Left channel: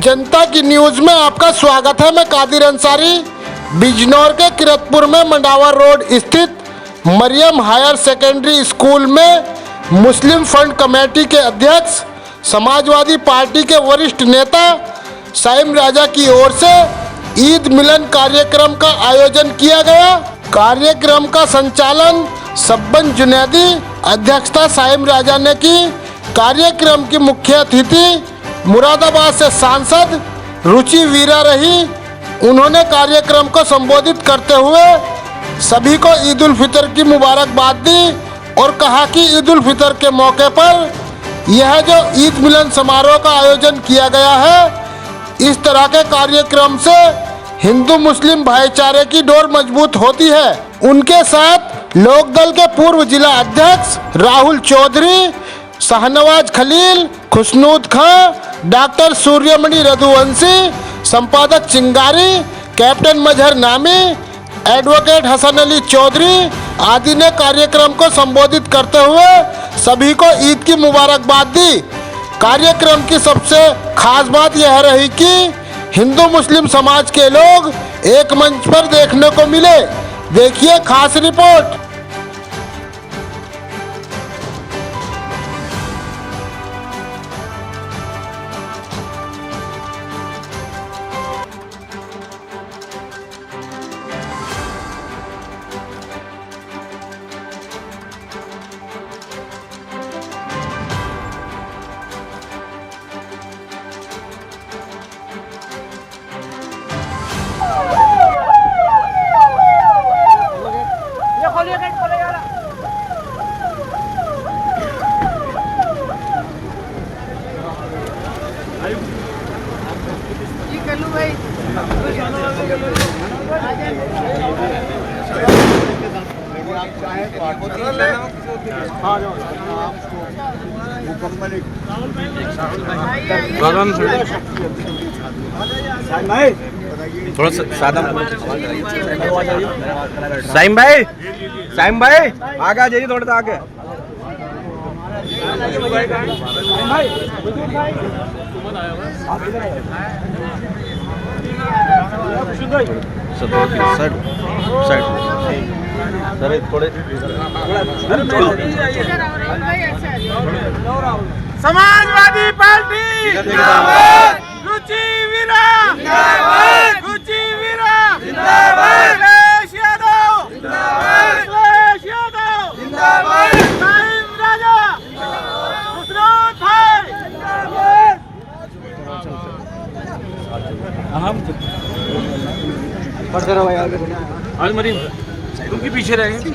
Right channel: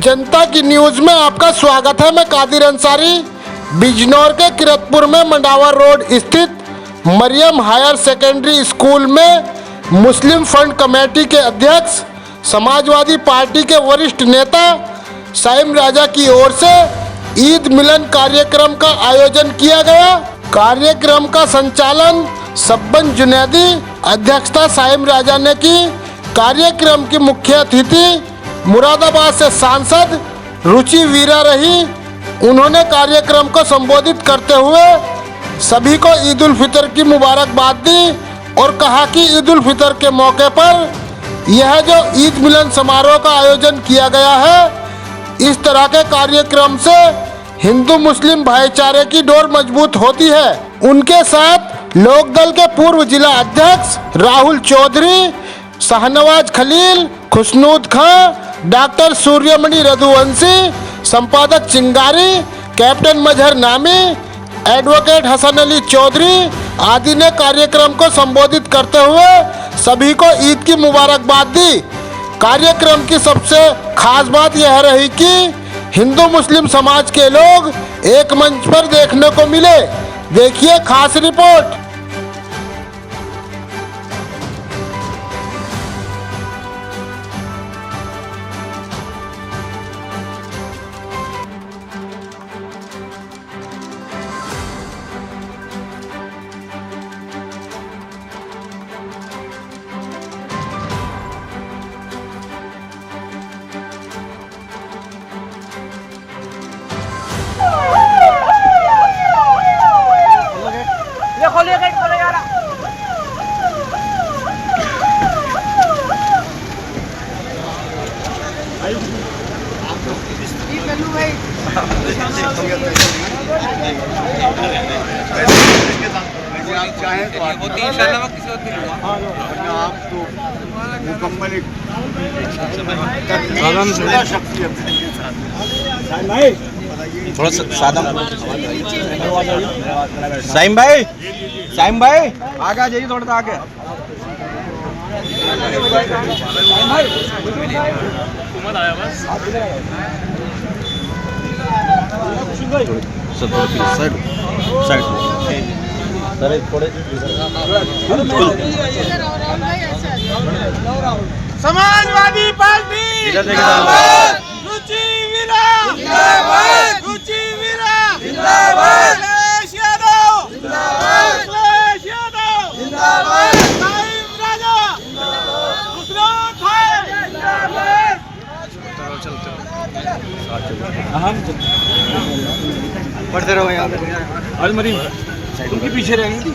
जनता की न्यूज़ में आपका स्वागत है। मैं कादिर अंसारी बिजनौर के किरतपुर में मंडावा रोड स्थित मरियम हायर सेकेंडरी स्कूल में मुस्लिम फंड कमेटी के अध्यक्ष समाजवादी पार्टी के वरिष्ठ नेता साइम राजा की ओर से ईद मिलन कार्यक्रम का आयोजन किया गया। कार्यक्रम का संचालन सब्बन जुनैदी, अध्यक्षता साइम राजा ने की। कार्यक्रम की मुख्य अतिथि मुरादाबाद से सांसद रुचि वीरा रही। उन्होंने कार्यक्रम को संबोधित करते हुए सभी को ईद उल फितर की मुबारकबाद दी और कहा कि ईद उल फितर के मौके पर यह जो ईद मिलन समारोह का आयोजन किया गया है, इस तरह के कार्यक्रम से हिंदू मुस्लिम भाईचारे की डोर मजबूत होती है। उनके साथ लोकदल के पूर्व जिला अध्यक्ष राहुल चौधरी, शाहनवाज खलील, खुशनूद खां, डॉक्टर सूर्यमणि रघुवंशी, संपादक चिंगारी, कैप्टन मजहर नामी, एडवोकेट हसन अली चौधरी आदि ने कार्यक्रम को संबोधित करते हुए सभी को ईद की मुबारकबाद दी। कार्यक्रम की सबसे खास बात यह रही कि हिंदू मुस्लिम समाज के लोग एक मंच पर देखने को मिले। देखिए खास रिपोर्ट। आप चाहें तो आपको मुकम्मल थोड़ा सादा साइम भाई आगे आ जाइए, थोड़ा सा आगे। समाजवादी पार्टी रुचि वीरा, रुचि वीरा, अखिलेश यादव, अखिलेश यादव, साइम राजा, खुशनूद पढ़ते रहो आज मरीम तुम की पीछे रहेंगे।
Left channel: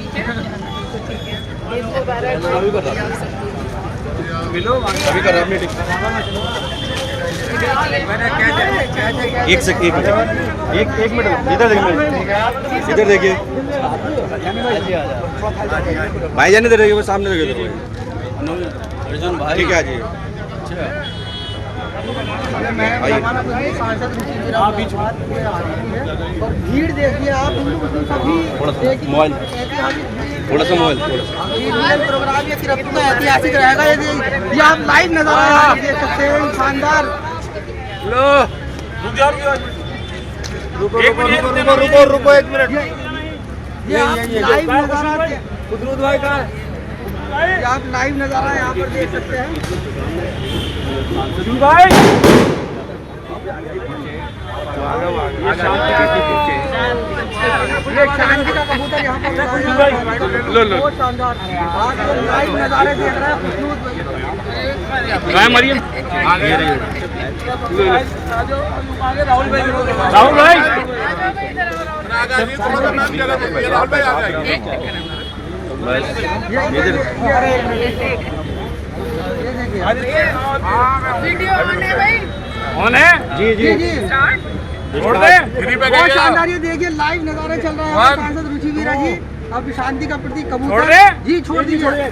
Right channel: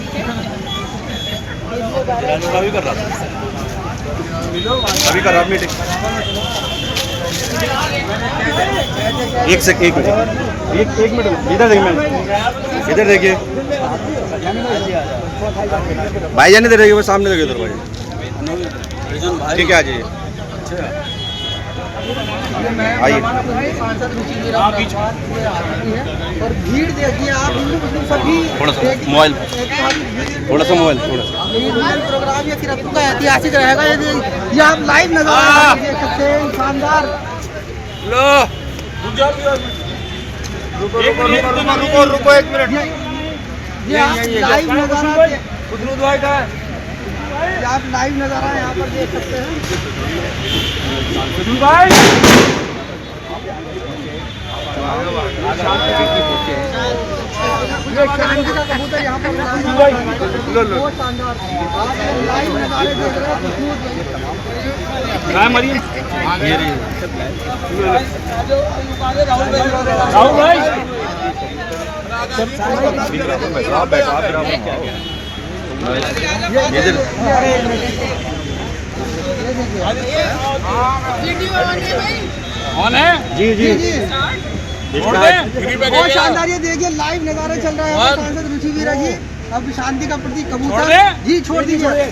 एक मिनट इधर देखिए भाई जान इधर देखिए, वो सामने देखिए। ठीक है, आ जाइए, आइए। भीड़ देखिए आप, थोड़ा सा मोबाइल प्रोग्राम ये किरतपुर का ऐतिहासिक रहेगा। ये आप लाइव नज़ारा देख सकते हैं, शानदार। रुको एक मिनट। ये आप लाइव नज़ारा यहाँ पर देख सकते हैं। ये चांदी का कबूतर यहाँ पर बहुत शानदार। लाइव नज़ारे देख रहे हैं। मरियम राहुल भाई जी बहुत शानदार। ये देखिए लाइव नज़ारे चल रहे हैं। सांसद रुचि वीरा जी अब शांति का प्रतीक कबूतर जी छोड़ दीजिए। ये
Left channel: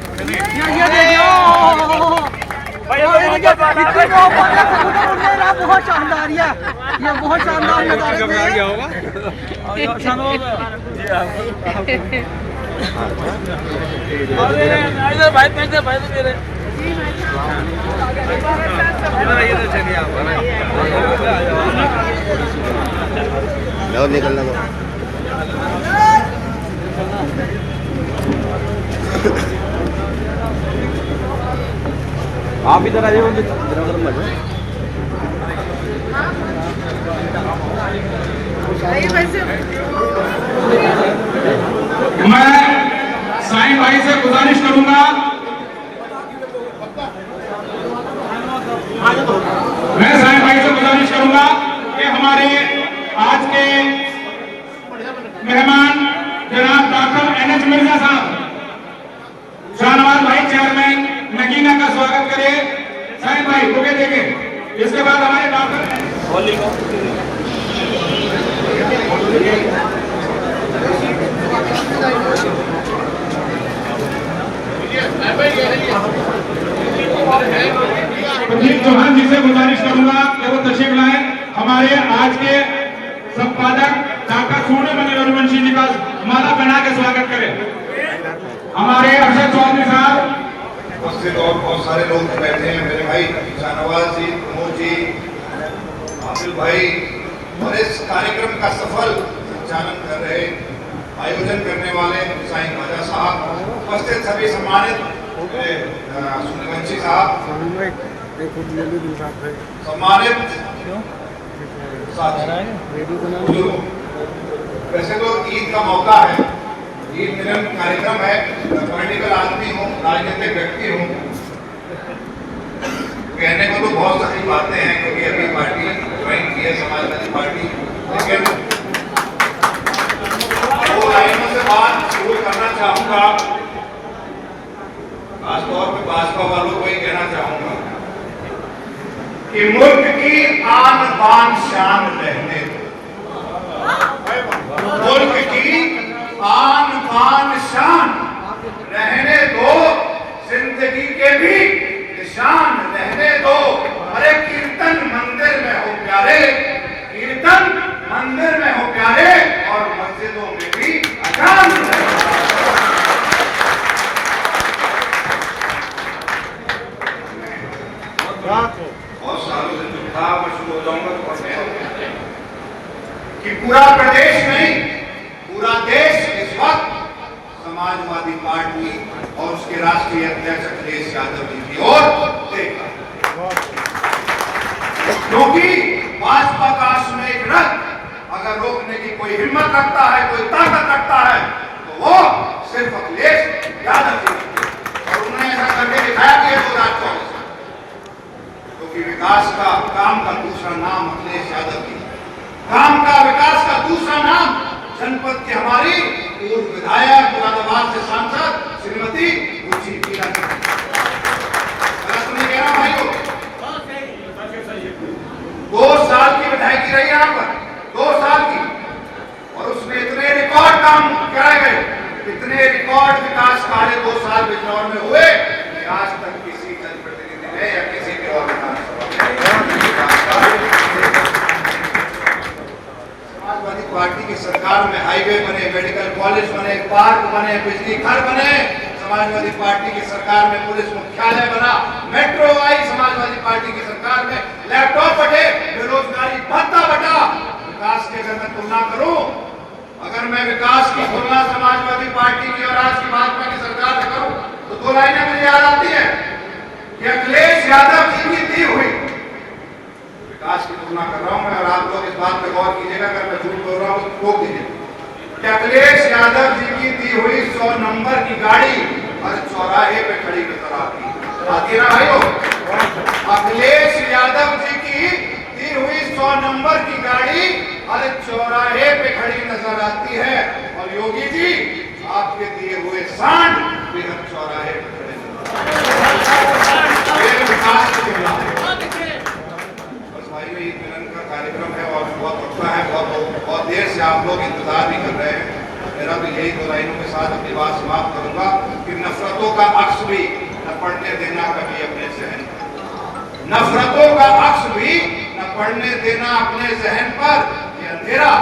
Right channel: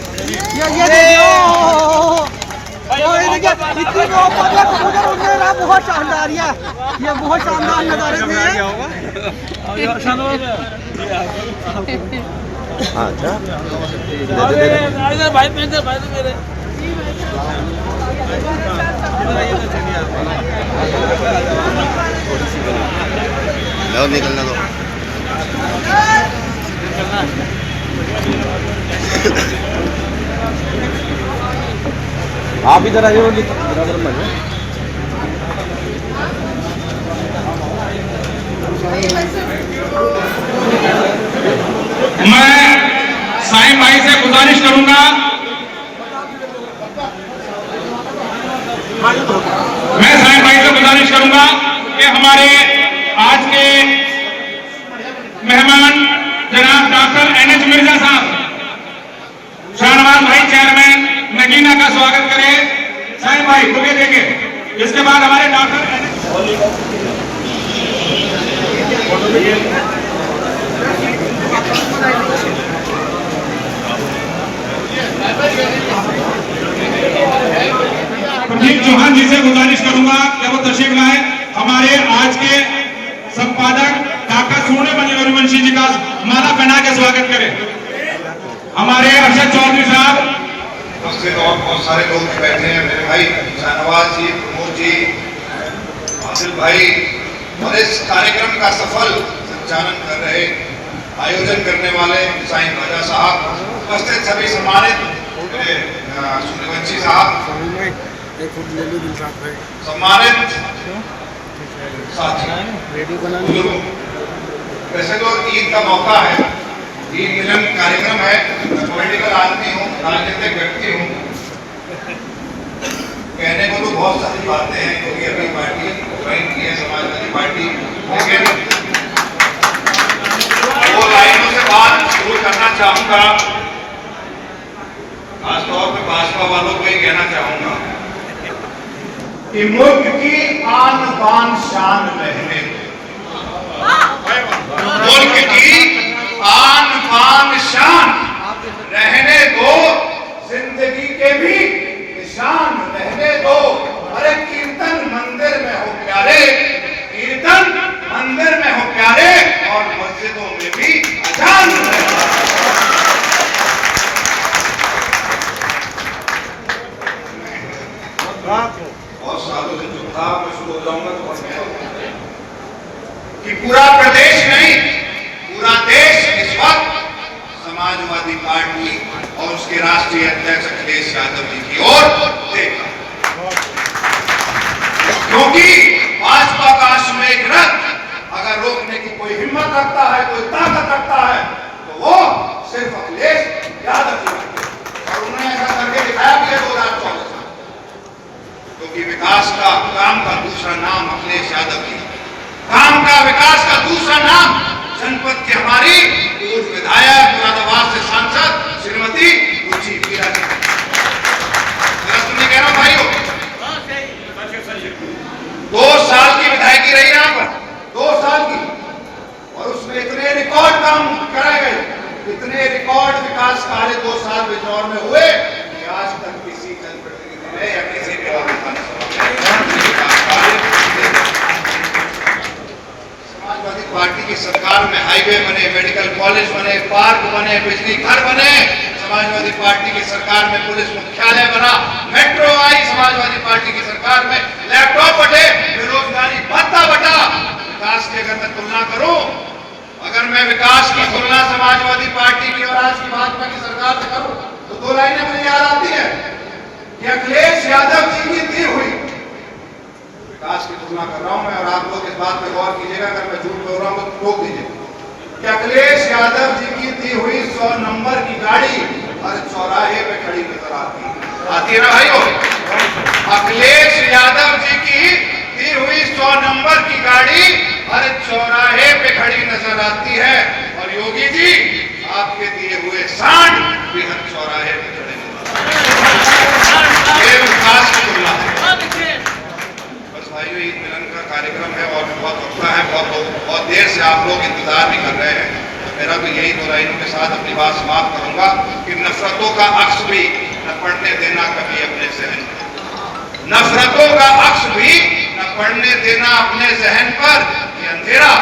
बहुत शानदार। ये बहुत शानदार नज़ारे थे। लो निकलने दो। आप इधर आइए बराबर में। मैं साईं भाई से गुजारिश करूंगा, कि हमारे आज के मेहमान जनाब डॉक्टर NH मिर्जा साहब, शाहनवाज भाई चेयरमैन नगीना का स्वागत करें। साईं भाई बुके देंगे, इसके बाद हमारे डॉक्टर प्रदीप चौहान जी से गुजारिश करूंगा कि वो तशरीफ लाए। हमारे आज के संपादक डॉक्टर सोने बने रघुवंशी जी का माला पहना के स्वागत करें। हमारे अरशद चौधरी साहब उपस्थित और बहुत सारे लोग बैठे हैं, मेरे भाई शाहनवाज जी, प्रमोद जी, आसिफ भाई, और इस कार्यक्रम का सफल संचालन कर रहे, आयोजन करने वाले साईं राजा साहब, उपस्थित सभी सम्मानित सूर्यवंशी साहब, सम्मानित साथी, वैसे तो ईद का मौका है, ईद मिलन कार्यक्रम है, पॉलिटिकल आदमी हूँ, राजनीतिक व्यक्ति हूँ, कहने को तो बहुत सारी बातें हैं क्योंकि अभी पार्टी ज्वाइन की है समाजवादी पार्टी, लेकिन दो लाइनों से बात शुरू करना चाहूंगा। खासतौर पर भाजपा वालों को ही कहना चाहूंगा कि मुल्क की आन बान शान रहने दो, मुल्क की आन बान शान रहने दो, जिंदगी के भी निशान रहने दो। अरे कीर्तन मंदिर में हो प्यारे, कीर्तन मंदिर में हो प्यारे, और मस्जिदों में भी अजान और सालों से जो था मैं शुरू हो जाऊंगा कि पूरा प्रदेश नहीं, पूरा देश इस वक्त समाजवादी पार्टी और उसके राष्ट्रीय अध्यक्ष अखिलेश यादव जी की ओर देख, क्योंकि भाजपा का अश्वमेध रथ अगर रोकने की कोई हिम्मत रखता है, कोई ताकत रखता है, तो वो सिर्फ अखिलेश यादव जी, और उन्होंने ऐसा करके दिखाया कि 2024, क्योंकि विकास का काम का दूसरा नाम अखिलेश यादव जी, काम का विकास का दूसरा नाम जनपद की हमारी पूर्व विधायक मुरादाबाद से सांसद श्रीमती रुचि वीरा जी। मेरा सुनने कह रहा हूं भाइयों, 2 साल की विधायकी रही यहाँ पर, 2 साल की, और उसमें इतने रिकॉर्ड काम कराए गए, इतने रिकॉर्ड विकास कार्य 2 साल बिजनौर में हुए कि आज तक किसी जनप्रतिनिधि ने या किसी ने और समाजवादी पार्टी की सरकार में हाईवे बने, मेडिकल कॉलेज बने, पार्क बने, बिजली घर बने, समाजवादी पार्टी की सरकार में पुलिस मुख्यालय बना, मेट्रो आई समाजवादी पार्टी की सरकार में, लैपटॉप बटे, बेरोजगारी भत्ता बटा। विकास की अगर मैं तुलना करूं, अगर मैं विकास की तुलना समाजवादी पार्टी की और आज की भाजपा की सरकार से करूं, तो 2 लाइनें मुझे याद आती है कि अखिलेश यादव जी की दी हुई विकास की तुलना कर रहा हूं मैं, और आप लोग इस बात पे गौर कीजिएगा, अगर मैं झूठ बोल रहा हूं तो रोक दीजिए कि अखिलेश यादव जी की दी हुई 100 नंबर की गाड़ी हर चौराहे पे खड़ी नजर आती है ना भाइयों। अखिलेश यादव जी की दी हुई 100 नंबर की गाड़ी हर चौराहे पे खड़ी नजर आती है, और योगी जी आपके दिए हुए सांड भी हर चौराहे पे खड़े नजर आते हैं। विकास की तुलना है। बस भाइयों, ईद मिलन का कार्यक्रम है और बहुत रुका है, बहुत देर से आप लोग इंतजार भी कर रहे हैं। मेरा तो यही 2 लाइनों के साथ अपनी बात समाप्त करूंगा कि नफरतों का अक्स भी न पड़ने देना कभी अपने जहन पर, नफरतों का अक्स भी न पड़ने देना अपने जहन पर, कि अंधेरा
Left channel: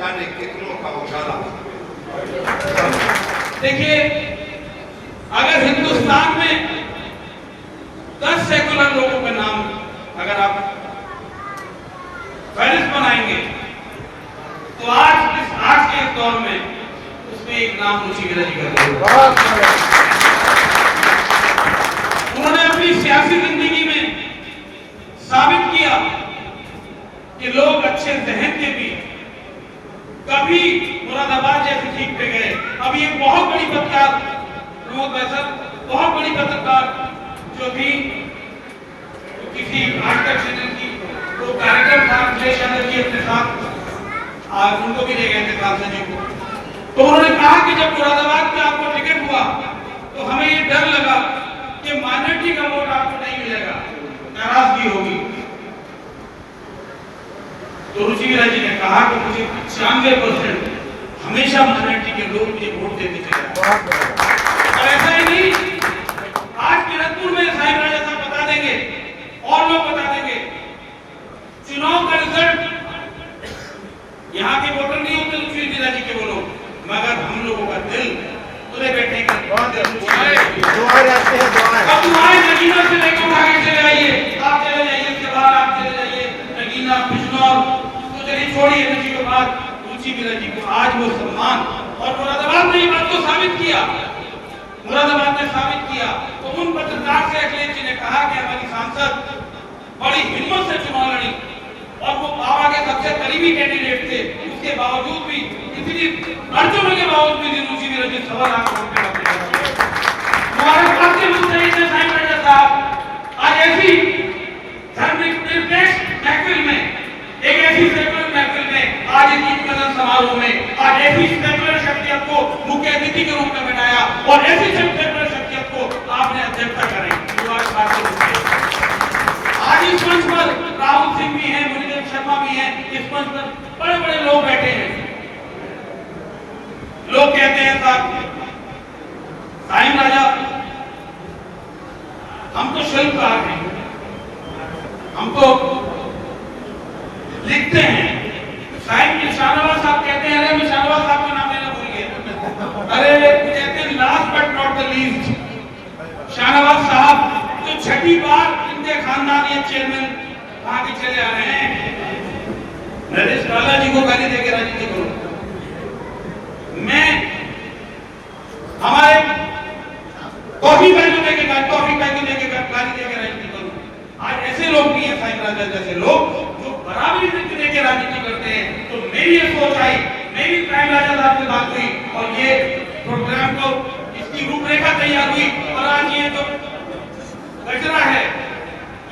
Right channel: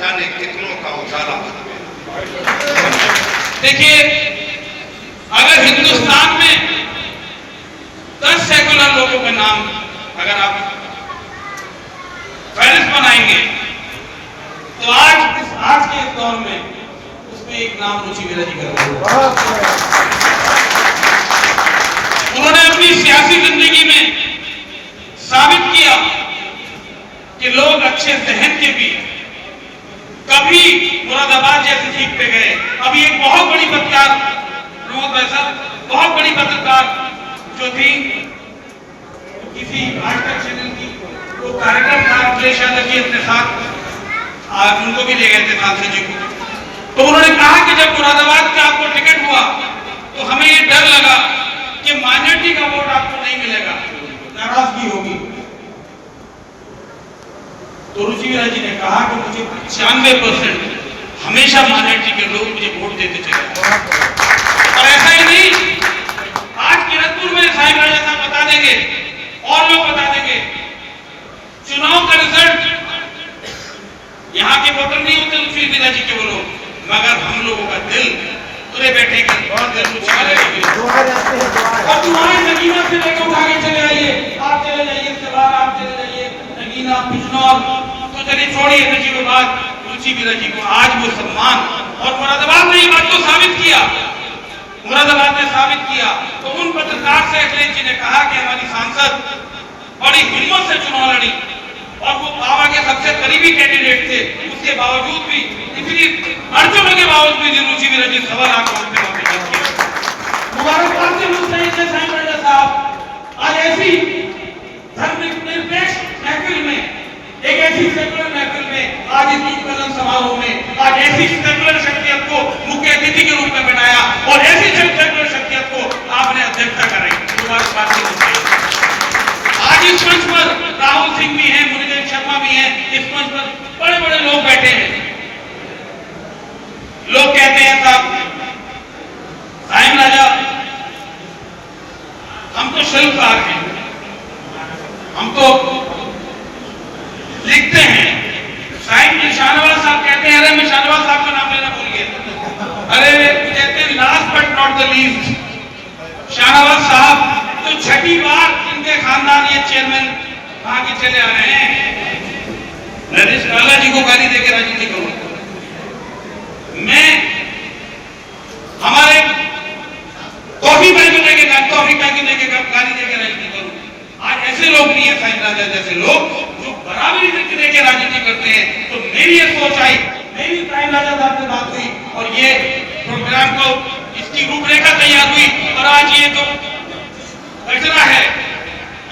जाने कितनों का उजाला। देखिए, अगर हिंदुस्तान में का नाम अगर आप फहरिस्त बनाएंगे तो आज के इस दौर में उसमें एक नाम रुचि विराजी का उन्होंने अपनी सियासी जिंदगी में साबित किया कि लोग अच्छे जहन के भी कभी मुरादाबाद जैसी सीट पे गए। अभी एक बहुत बड़ी पत्रकार बहुत बड़ी पत्रकार जो थी किसी आजतक चैनल की वो कार्यक्रम था अखिलेश यादव जी अपने साथ आज उनको भी ले गए थे सांसद जी को। तो उन्होंने कहा कि जब मुरादाबाद का आपको टिकट हुआ तो हमें ये डर लगा कि माइनॉरिटी का वोट आपको नहीं मिलेगा, नाराजगी होगी। तो रुचि विराजी ने कहा कि मुझे 95% हमेशा माइनॉरिटी के लोग मुझे वोट देते चले। और ऐसा ही नहीं, आज किरतपुर में साहिब राजा साहब बता देंगे और लोग बता देंगे चुनाव का रिजल्ट यहाँ के वोटर नहीं होते रुचि विराजी के वो लोग, मगर हम लोगों का दिल पूरे बैठे के अब तुम्हारे नगीना से लेकर उठा के चले आइए, आप चले जाइए, इसके बाद आप चले जाइए नगीना बिजनौर, तो चलिए छोड़िए नजीबाबाद। रुचि विराजी को आज वो सम्मान और मुरादाबाद ने ये बात को साबित किया, मुरादाबाद ने साबित किया। तो उन पत्रकार से अखिलेश जी ने कहा कि हमारी सांसद बड़ी हिम्मत से चुनाव लड़ी और वो बाबा के सबसे करीबी कैंडिडेट थे, उसके बावजूद भी इतनी अड़चनों के बावजूद भी रुचि विराजी 1.25 लाख वोट पे मुबारकबाद के रूप में साहिब राजा साहब आज ऐसी धर्मनिरपेक्ष महफिल में, एक ऐसी सेकुलर महफिल में, आज इस मिलन समारोह में आज ऐसी सेकुलर शख्सियत को मुख्य अतिथि के रूप में बनाया और ऐसी सेकुलर शख्सियत को आपने अध्यक्षता कराई। मुबारकबाद के रूप में आज इस मंच पर राहुल सिंह भी हैं, मुरलीधर शर्मा भी हैं, इस मंच पर बड़े बड़े लोग बैठे हैं। लोग कहते हैं साहब साहिब राजा हम तो शिल्पकार हैं, हम तो लिखते हैं। साहिब शाहनवाज साहब कहते हैं, अरे मैं शाहनवाज साहब का नाम लेना भूल गया, अरे कहते हैं last but not the least Shahnawaz साहब तो 6ठी बार इनके खानदान ये चेयरमैन आगे चले आ रहे हैं। नरेश लाला जी को गाली देकर राजनीति करूं मैं, हमारे कॉफी बैग लेके गाली देकर राजनीति करूं। आज ऐसे लोग नहीं है साहिब राजा जैसे लोग जो बराबरी देकर राजनीति करते हैं। तो मेरी ये सोच आई, मेरी साहिब राजा साहब से बात हुई और ये प्रोग्राम को इसकी रूपरेखा तैयार हुई और आज ये तो कचरा है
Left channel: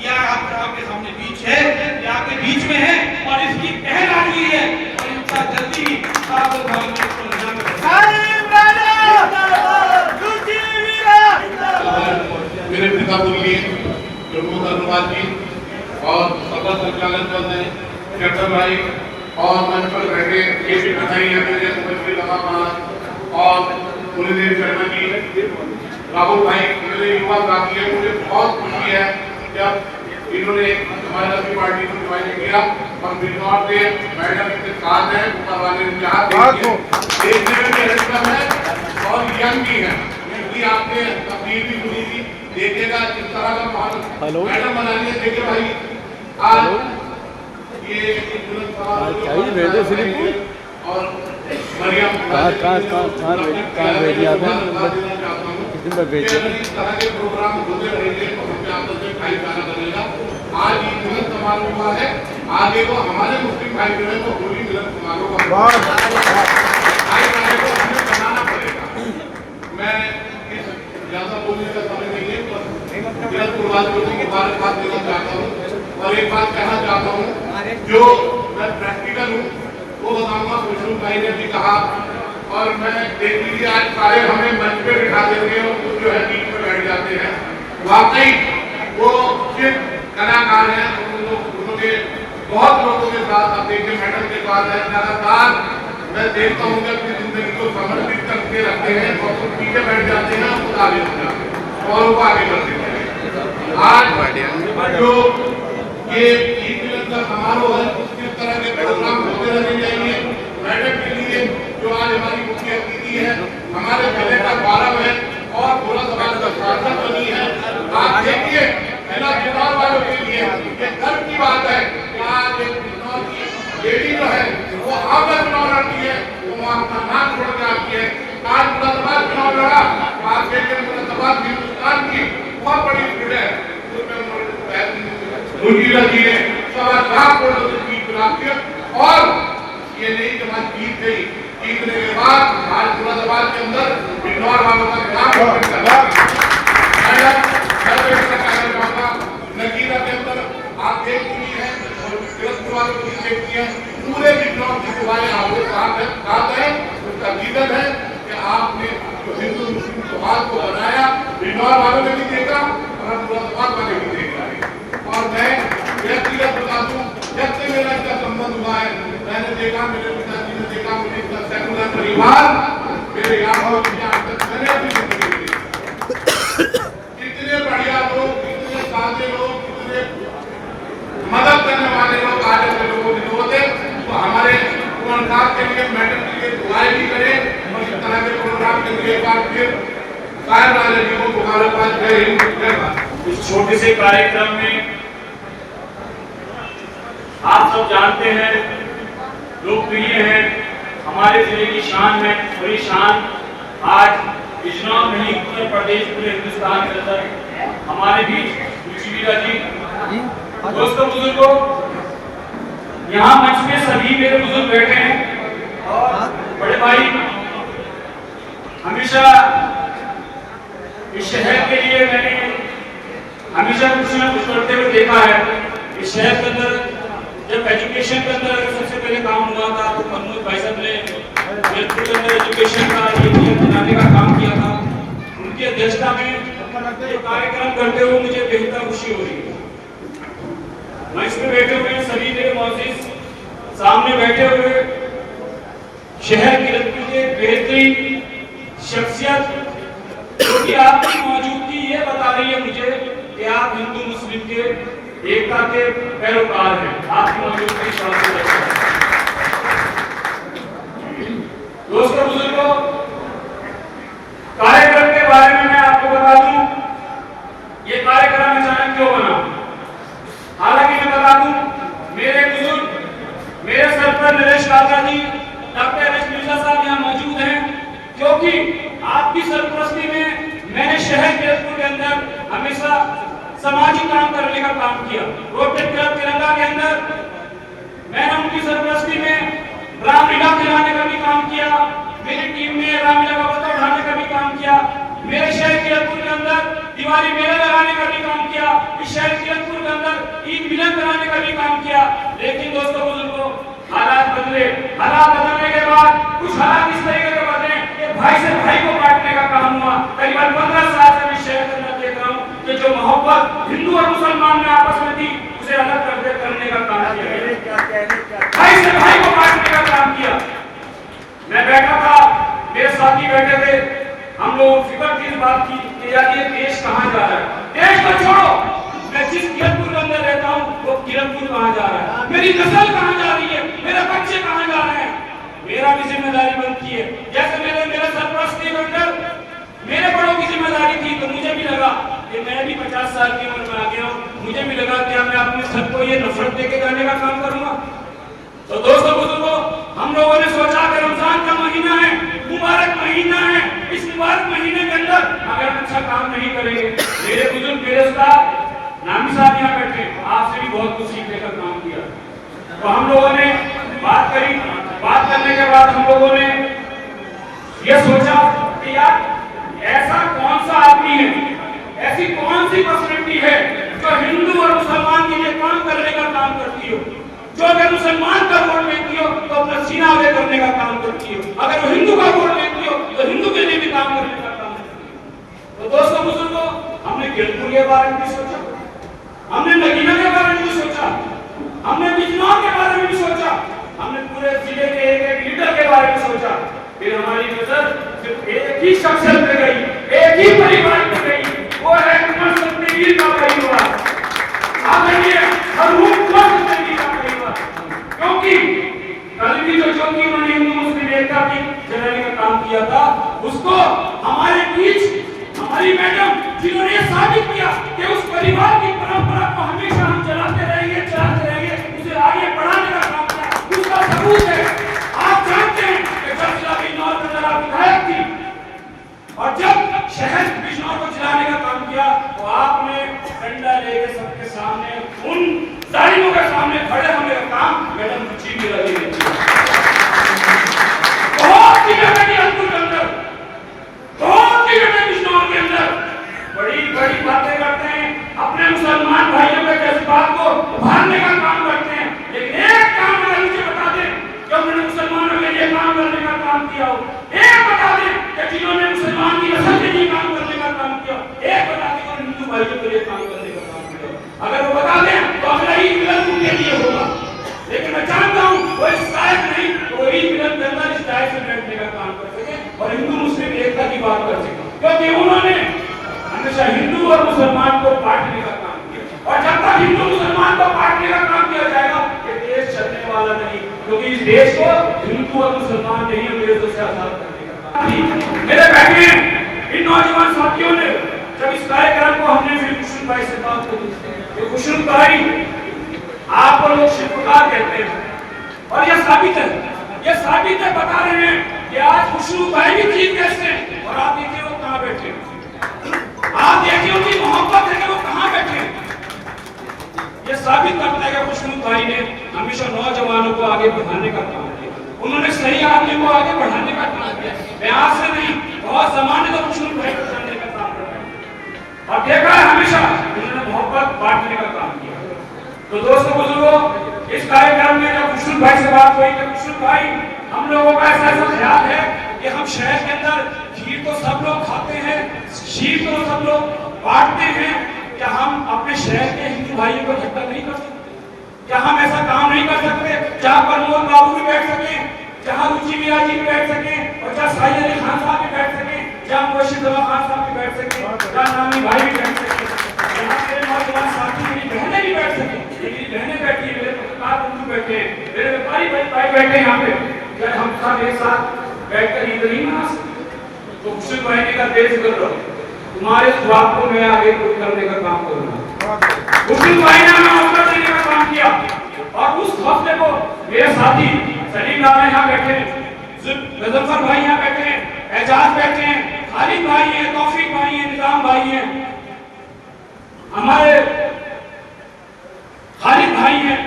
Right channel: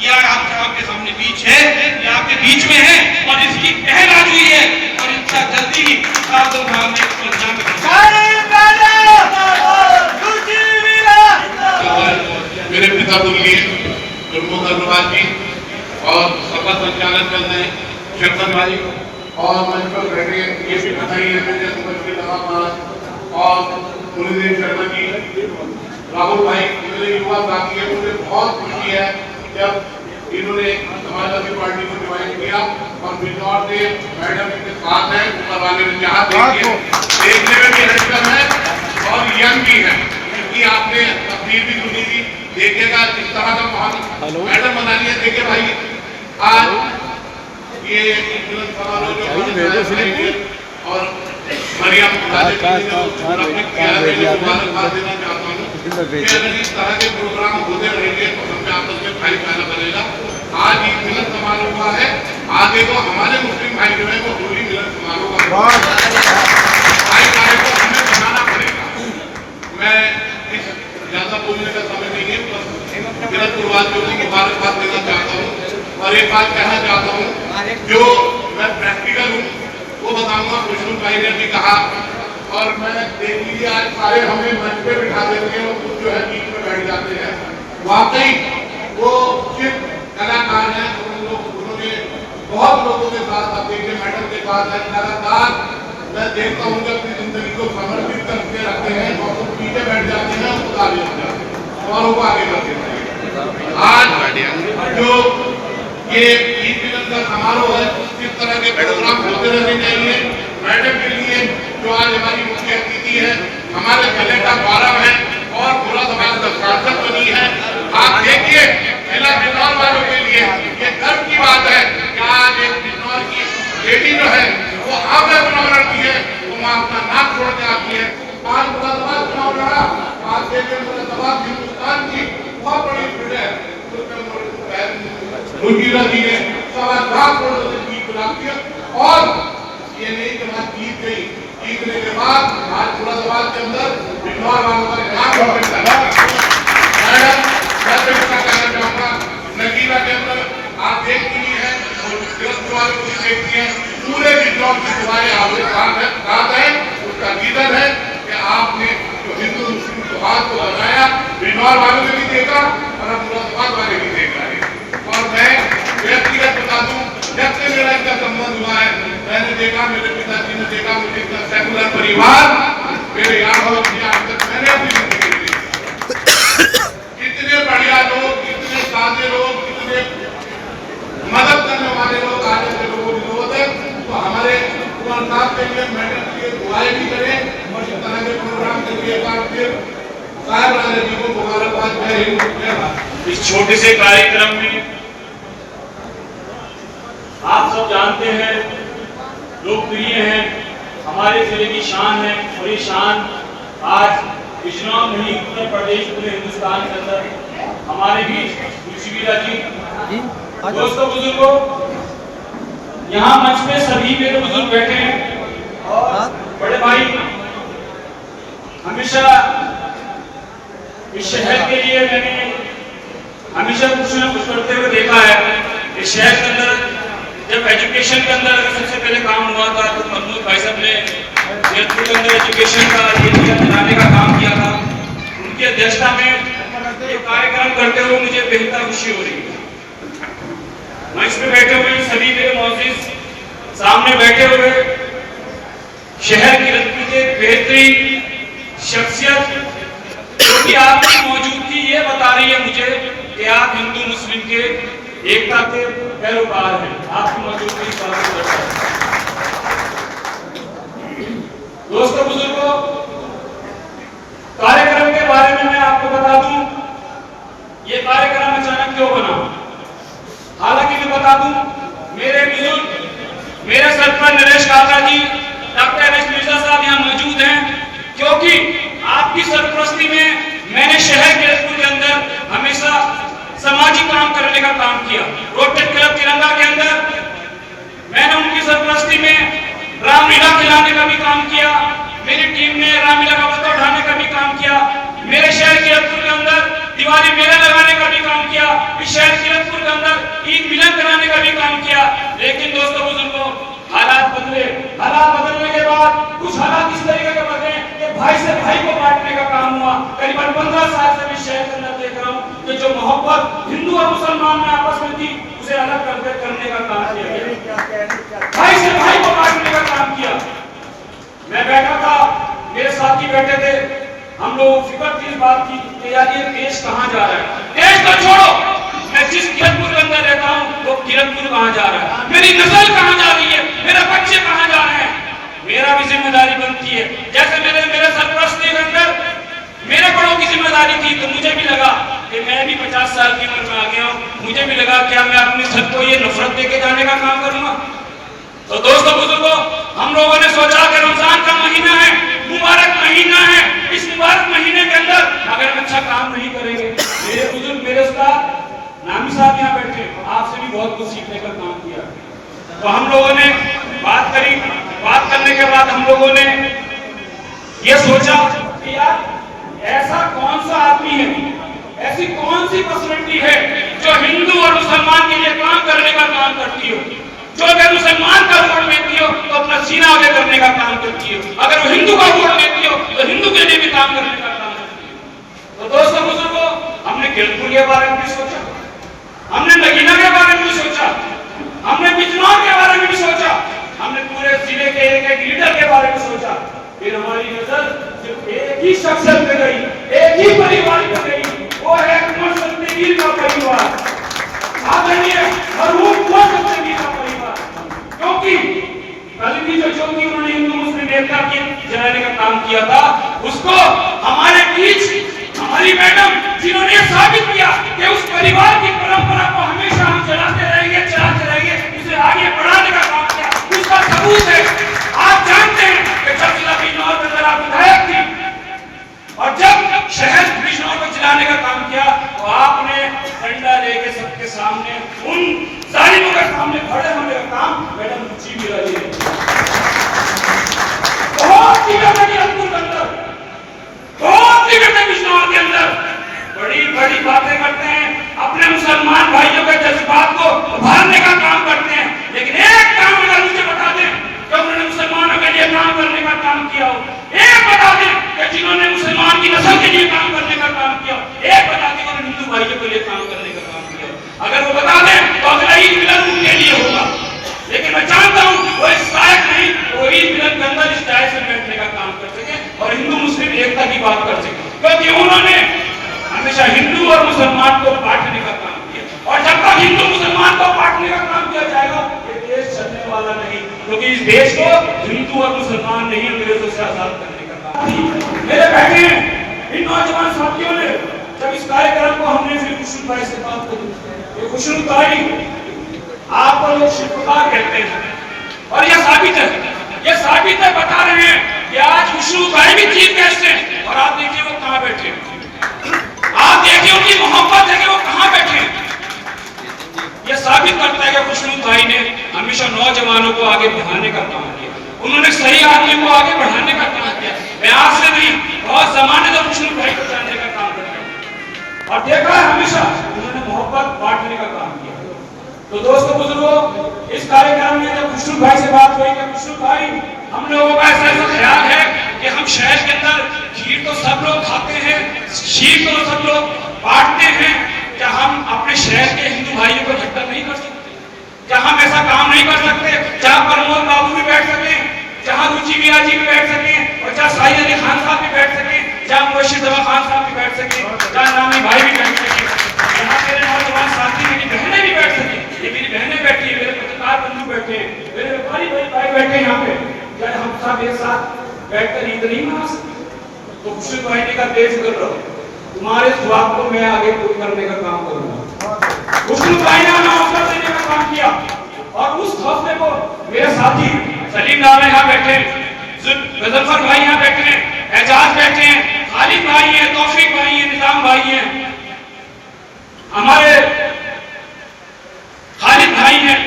या आपके सामने बीच है या आपके बीच में है और इसकी पहल आज हुई है और इसका जल्दी ही मेरे पिता बोलिए धन्यवाद जी और सभा संचालन कर रहे हैं शंकर भाई और मंच पर बैठे केसी बताई है मेरे समझ के लगा और मुरलीधर शर्मा जी, राहुल भाई, मेरे युवा साथी है। मुझे बहुत खुशी है जब इन्होंने समाजवादी पार्टी को ज्वाइन किया और बिजनौर से मैडम के साथ हैं करवाने में जहाँ देखने में भी लड़कन है और यंग भी है, क्योंकि आपने तस्वीर भी सुनी थी, देखिएगा किस तरह का बहुत मैडम बना लिया। देखिए भाई आज ये और मरियम इस तरह के प्रोग्राम होते रहेंगे तो हमें आपस में भाईचारा बनेगा। आज ये मिलन समारोह हुआ है, आगे तो हमारे मुस्लिम भाई जो है वो पूरी मिलन समारोह भाईचारे को हमें बनाना पड़ेगा। मैं इस ज्यादा बोलने का समय नहीं है, बस किरतपुरवासियों की मुबारकबाद देना चाहता हूँ और एक बात कहना चाहता हूँ जो मैं प्रैक्टिकल हूँ वो बताऊंगा। खुशबू भाई ने भी कहा और मैं देख लीजिए आज सारे हमें मंच पे बिठा देते हैं और कुछ जो है बीच में बैठ जाते हैं। वाकई वो सिर्फ कलाकार हैं, उन्होंने बहुत लोगों के साथ आप देखिए मैडम के साथ है लगातार। मैं देखता हूँ जब जिंदगी को समर्पित करके रखते हैं और तो पीछे बैठ जाते हैं और आगे बढ़ जाते हैं और वो आगे बढ़ देते हैं। आज जो ये का समारोह है, इस तरह के प्रोग्राम होते रहने चाहिए। मैडम के लिए जो आज हमारी मुख्य अतिथि है, हमारे जिले का गौरव है और मुरादाबाद का सांसद बनी है। आप देखिए जिला चुनाव वालों के वीरा जी ने 1.25 करोड़ से ईद बनाती है। और ये नहीं कि बात जीत गई, जीतने के बाद आज मुरादाबाद के अंदर बिजनौर वालों का नाम रोशन करना। मैं तो इसका कहना चाहूंगा, नगीना के अंदर आप देखती हैं और वालों को देखती हैं, पूरे बिजनौर की तुम्हारे बात है, उसका रीजन है कि आपने जो हिंदू मुस्लिम त्योहार को बनाया, बिजनौर वालों ने भी देखा और अब मुरादाबाद वाले भी देख रहे हैं। और मैं व्यक्तिगत बता दूं, जब से मेरा इसका संबंध हुआ है, मैंने देखा, मेरे पिताजी ने देखा, मुझे इतना सेकुलर परिवार मेरे यहाँ हो आज तक मैंने अपनी जिंदगी में देखा। कितने बढ़िया लोग, कितने सादे लोग, कितने मदद करने वाले लोग आज ऐसे लोगों की जरूरत है। तो हमारे कुंवर साहब के लिए, मैडम के लिए दुआएं भी करें और इस तरह के प्रोग्राम के लिए एक बार फिर साहब वाले जी को मुबारकबाद। जय हिंद, जय भारत। इस छोटे से कार्यक्रम में आप सब जानते हैं, लोकप्रिय हैं, हमारे जिले की शान है, और ये शान आज बिजनौर नहीं, उत्तर प्रदेश पूरे हिंदुस्तान के अंदर हमारे बीच रुचि वीरा जी। दोस्तों, बुजुर्गों, यहाँ मंच में सभी मेरे बुजुर्ग बैठे हैं और बड़े भाई हमेशा इस शहर के लिए मैंने हमेशा कुछ न कुछ करते हुए देखा है। इस शहर के अंदर जब एजुकेशन के अंदर सबसे पहले काम हुआ था तो मनोज भाई साहब ने कीरतपुर के अंदर एजुकेशन का ये बनाने का काम किया था। उनकी अध्यक्षता में ये कार्यक्रम करते हुए मुझे बेहद खुशी हो रही है। मंच पे बैठे हुए सभी मेरे मौजूद सामने बैठे हुए शहर कीरतपुर के बेहतरीन शख्सियत, क्योंकि आपकी मौजूदगी ये बता रही है मुझे कि आप हिंदू मुस्लिम के एकता के पैरोकार हैं। आपकी मौजूदगी दोस्तों, बुजुर्गों, कार्यक्रम के बारे में मैं आपको बता दूं, ये कार्यक्रम अचानक क्यों बना। हालांकि मैं बता दूं, मेरे बुजुर्ग, मेरे सरकार नरेश काका जी, डॉक्टर एस मिर्जा साहब यहाँ मौजूद हैं, क्योंकि आपकी सरपरस्ती में मैंने शहर कीरतपुर के अंदर हमेशा सामाजिक काम करने का काम किया। रोटेट क्लब तिरंगा के अंदर मैंने उनकी सरपरस्ती में रामलीला खिलाने का भी काम किया। मेरी टीम ने रामलीला का बस्ता उठाने का भी काम किया। मेरे शहर कीरतपुर के अंदर दिवाली मेला लगाने का भी काम किया। इस शहर कीरतपुर के अंदर ईद मिलन कराने का भी काम किया। लेकिन दोस्तों, बुजुर्गों, हालात बदले। हालात बदलने के बाद कुछ हालात इस तरीके के बदले कि भाई से भाई को बांटने का काम हुआ। करीबन 15 साल से भी शहर के अंदर देख रहा हूँ कि जो मोहब्बत हिंदू और मुसलमान में आपस में थी, उसे अलग करने का काम किया गया। भाई से भाई को बांटने का काम किया। मैं बैठा था, मेरे साथी बैठे थे, हम लोग फिक्र की बात की कि यार ये देश कहाँ जा रहा है। देश तो छोड़ो, मैं जिस कीरतपुर के अंदर रहता हूँ वो कीरतपुर कहाँ जा रहा है, मेरी नस्ल कहाँ जा रही है, मेरे बच्चे कहाँ जा रहे हैं। मेरा भी जिम्मेदारी बनती है। जैसे मेरे सरपरस्ती के अंदर मेरे बड़ों की जिम्मेदारी थी, तो मुझे भी लगा कि मैं भी 50 साल की उम्र में आ गया हूँ। मुझे भी लगा क्या मैं अपनी छत को ये नफरत देके जाने का काम करूंगा। तो दोस्तों, बुजुर्गों, हम लोगों ने सोचा कि रमजान का महीना है, मुबारक महीना है, इस मुबारक महीने के अंदर अगर अच्छा काम नहीं करेंगे, मेरे बुजुर्ग, मेरे उस्ताद नामी साहब यहाँ बैठे, आपसे भी बहुत कुछ सीखने का काम किया। तो हम लोगों ने बात करी। बात करने के बाद हम लोगों ने ये सोचा कि यार ऐसा कौन सा आदमी है, ऐसी कौन सी पर्सनैलिटी है जो हिंदू और मुसलमान के लिए काम करने का काम करती हो, जो अगर मुसलमान का वोट लेती हो तो अपना सीना आगे करने का काम करती हो, अगर वो हिंदू का वोट लेती हो तो हिंदू के लिए भी काम करने का काम करती हो। तो दोस्तों, बुजुर्गों, हमने कीरतपुर के बारे में भी सोचा, हमने नगीना के बारे में भी सोचा, हमने बिजनौर के बारे में भी सोचा, हमने पूरे जिले के एक लीडर के बारे में सोचा। फिर हमारी नजर सिर्फ एक ही शख्सियत पे गई, एक ही परिवार पे गई, वो है कुंवर सत्यवीर का परिवार। आदरणीय मरहूम कुंवर सत्यवीर का परिवार, क्योंकि कल भी जो ज्योति उन्होंने हिंदू मुस्लिम एकता की जलाने का काम किया था, उसको हमारे बीच हमारी मैडम जिन्होंने साबित किया कि उस परिवार की परंपरा को हमेशा हम चलाते रहेंगे, उसे आगे बढ़ाने का काम किया, उसका सबूत है। आप जानते हैं कि जब जिला बिजनौर के अंदर आप विधायक थी और जब शहर बिजनौर को चलाने का काम किया, तो आपने डंडा लेके सबके सामने उन जालिमों के सामने खड़े होने का काम मैडम रुचि मीरा जी ने किया। बहुत ही घटना के अंदर, बहुत ही घटना बिजनौर के अंदर बड़ी बड़ी बातें करते हैं, अपने मुसलमान भाइयों के जज्बात को उभारने का काम करते हैं, लेकिन एक काम अगर मुझे बता दें कि उन्होंने मुसलमानों के लिए काम करने का काम किया हो, एक बता दें कि जिन्होंने मुसलमान की नस्ल के लिए काम करने का काम किया, एक बता दें कि हिंदू भाइयों के लिए काम करने का काम किया। अगर वो बता दें तो अगला ईद मिलन उनके लिए होगा, लेकिन मैं जानता हूँ वो इस लायक नहीं, वो ईद मिलन के अंदर इस टाइप से बैठने का काम कर सके और हिंदू मुस्लिम एकता की बात कर सके, क्योंकि उन्होंने हमेशा हिंदू और मुसलमान को बांटने का काम किया, और जब तक हिंदू मुसलमान को बांटने का काम किया जाएगा ये देश चलने वाला नहीं, क्योंकि इस देश को हिंदू और मुसलमान नहीं अंग्रेजों से आजाद करने का काम। मेरे बहने इन नौजवान साथियों ने जब इस कार्यक्रम को हमने फिर खुशरू भाई से बात की, खुशरू भाई आपको लोग शिल्पकार कहते हैं और यह साबित है बता रहे हैं कि आज खुशरू भाई भी चीफ गेस्ट हैं, और आप देखिए वो कहाँ बैठे हैं, आप देखिए उनकी मोहब्बत है कि वो कहां बैठे हैं। यह साबित करता है कि खुशरू भाई ने हमेशा नौजवानों को आगे बढ़ाने का काम किया, उन्होंने सही आदमी को आगे बढ़ाने का काम किया। मैं आज से नहीं, बहुत जमाने तक खुशरू भाई को जानने का काम करता हूं और देखा है हमेशा उन्होंने मोहब्बत बांटने का काम किया। तो दोस्तों बुजुर्गों, इस कार्यक्रम में जब खुशरू भाई से बात हुई कि खुशरू भाई हम लोगों का ऐसा ख्याल है कि हम शहर के अंदर खीर तो सब लोग खाते हैं, शीर तो सब लोग बांटते हैं, क्या हम अपने शहर के हिंदू भाइयों को इकट्ठा नहीं कर सकते? क्या हम ऐसा काम नहीं कर सकते जहां प्रमोद बाबू भी बैठ सके, जहां रुचि मीरा जी भी बैठ सके, और जहां साहिद अली खान साहब भी बैठ सके, जहां मुर्शिद जमा खान साहब भी बैठ सके, जहां नामी भाई भी बैठ सके, जहां मेरे नौजवान साथी मेरी बहनें भी बैठ सके। ये मेरी बहनें बैठी है, मेरे पत्रकार बंधु बैठे हैं, मेरे व्यापारी भाई बैठे हैं यहाँ पे, क्या हम सब एक साथ बैठकर ईद नहीं मना सकते? तो खुशरू भाई का बेफिक्र रहो, तुम्हारे जवाब को मैं आगे करने का काम करूंगा। खुशरू भाई ने हमें हौसला देने का काम किया, और उस हौसले को मेरे साथी सलीम नाम यहाँ बैठे, गजलफर भाई यहाँ बैठे हैं, एजाज बैठे हैं, खालिद भाई हैं, तौफीक भाई हैं, निजाम भाई हैं, हमारे खालिद भाई हैं,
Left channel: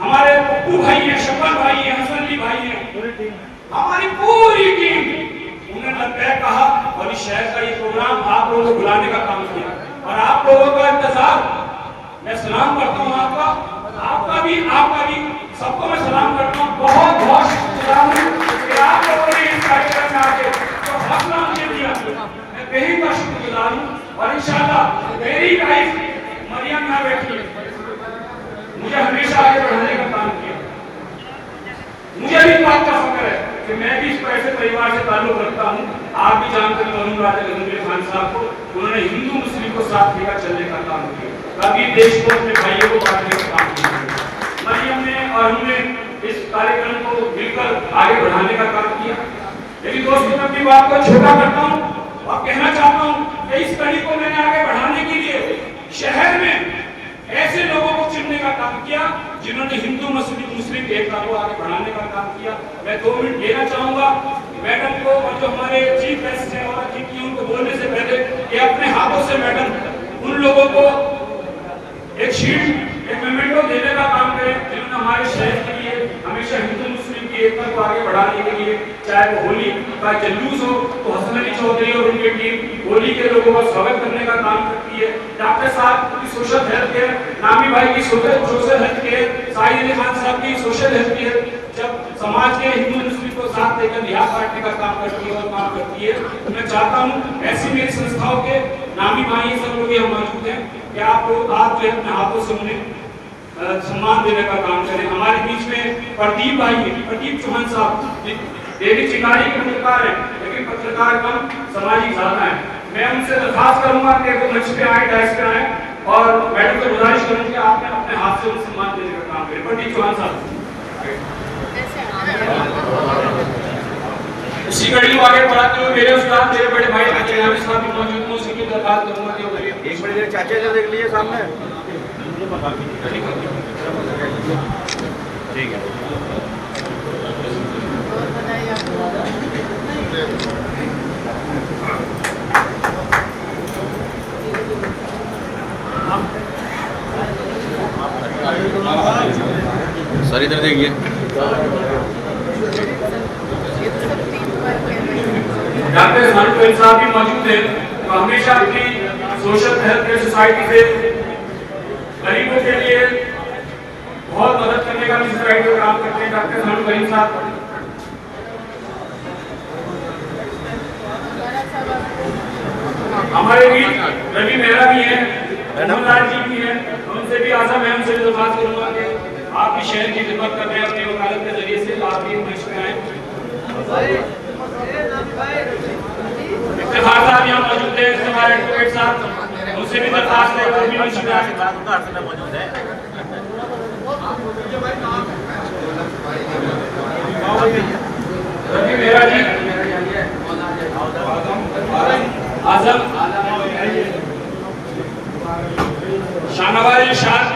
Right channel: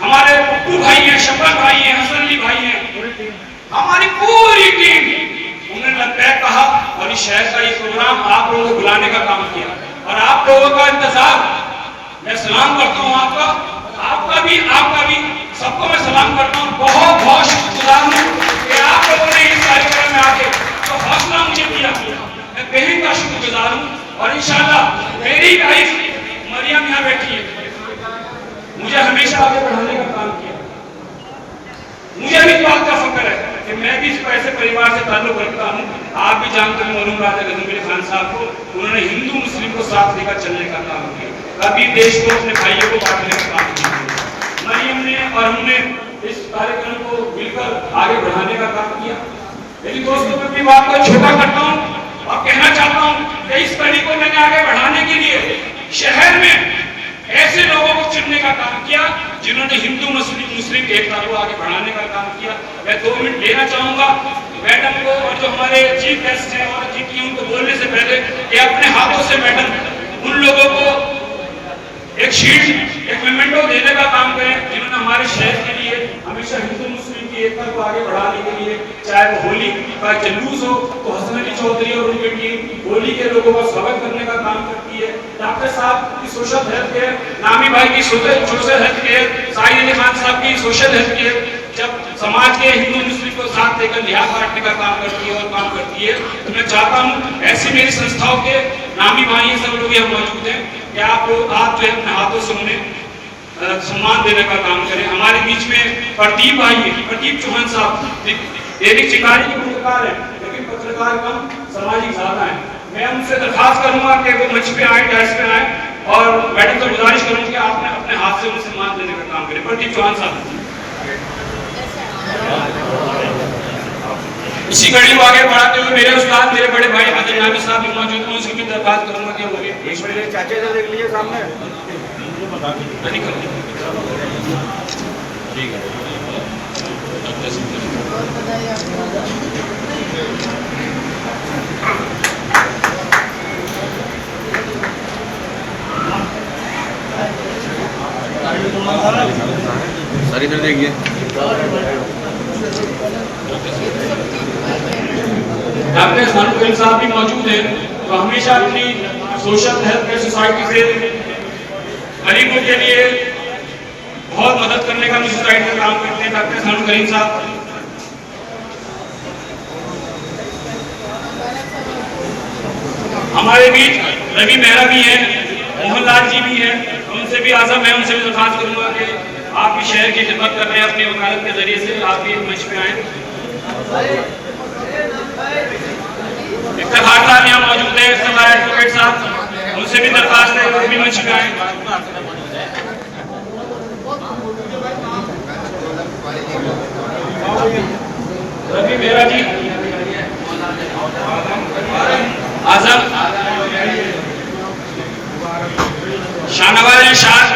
हमारे पप्पू भाई हैं, शफकत भाई हैं, हसन अली भाई हैं, हमारी पूरी टीम। उन्होंने लब्बैक कहा और इस शहर का ये प्रोग्राम आप लोगों को बुलाने का काम किया, और आप लोगों का इंतजार, मैं सलाम करता हूँ आपका भी सबको मैं सलाम करता हूँ। बहुत बहुत शुक्रगुजार हूँ कि आप लोगों ने इस कार्यक्रम में आके जो हौसला मुझे दिया, मैं बेहद का शुक्रगुजार हूँ। और इंशाल्लाह मेरी वाइफ मरियम यहाँ बैठी है, मुझे हमेशा आगे बढ़ाने का काम किया। मुझे भी इस बात का फख्र है कि मैं भी इस ऐसे परिवार से ताल्लुक रखता हूँ। आप भी जानते हैं मौलूम बात है गजनवी खान साहब को, उन्होंने हिंदू मुस्लिम को साथ लेकर चलने का काम किया, कभी देश को अपने भाइयों को बांटने का काम किया। मरियम ने और हमने इस कार्यक्रम को मिलकर आगे बढ़ाने का काम किया। लेकिन दोस्तों, मैं अपनी बात को छोटा करता हूँ और कहना चाहता हूँ कि इस कड़ी को मैंने आगे बढ़ाने के लिए शहर में ऐसे लोगों को चुनने का काम किया जिन्होंने हिंदू मुस्लिम एकता को आगे बढ़ाने का काम किया। मैं 2 मिनट लेना चाहूंगा मैडम को, और जो हमारे चीफ गेस्ट हैं और जिनकी उनको बोलने से पहले कि अपने हाथों से मैडम उन लोगों को एक शीट, एक मेमेंटो देने का काम करें जिन्होंने हमारे शहर के लिए हमेशा हिंदू मुस्लिम की एकता को आगे बढ़ाने के लिए, चाहे वो होली का जुलूस हो तो हसन अली चौधरी और उनकी टीम होली के लोगों का स्वागत करने का काम करती है। डॉक्टर साहब की सोशल हेल्थ केयर, नामी भाई की social health care, Shahid Ali Khan साहब की सोशल हेल्थ केयर, जब समाज के हिंदू मुस्लिम को साथ लेकर लिहाज बांटने का काम करती है और काम करती है, तो मैं चाहता हूँ ऐसी मेरी संस्थाओं के नामी भाई सब लोग यहाँ मौजूद हैं कि आप लोग आज जो है अपने हाथों से उन्हें सम्मान देने का काम करें। हमारे बीच में प्रदीप भाई है, प्रदीप चौहान साहब दैनिक चिंगारी के पत्रकार हैं, लेकिन पत्रकार कम, सामाजिक ज्यादा है। मैं उनसे दरखास्त करूंगा कि वो मंच पे आए, डायस पे आए, और मैडम से गुजारिश करूंगा कि आपने अपने हाथ से उन्हें सम्मान देने का काम करें। प्रदीप चौहान साहब इसी कड़ी को आगे बढ़ाते हुए मेरे उस्ताद, मेरे बड़े भाई आदरणीय नामी साहब भी मौजूद हैं, उसकी भी दरखास्त करूंगा कि वो एक मिनट चाचा से देख लीजिए सामने, ठीक है। मौजूद है तो हमेशा अपनी सोशल हेल्थ केयर सोसाइटी से गरीबों के लिए बहुत मदद करने का भी सोसाइटी का काम करते हैं डॉक्टर सानू करीम साहब। हमारे बीच रवि मेहरा भी है, मोहनलाल जी भी है, उनसे भी आज़म मैं उनसे भी दरख्वास्त करूंगा कि आप भी शहर की खिदमत कर रहे हैं अपनी वकालत के जरिए से, आप भी मंच पे आए। इफ्तिखार साहब यहाँ मौजूद है, इफ्तिखार एडवोकेट साहब, उनसे भी दरख्वास्त है वो भी मंच पे आए। रवि मेहरा जी, आजम, शाहनवाज इरशाद,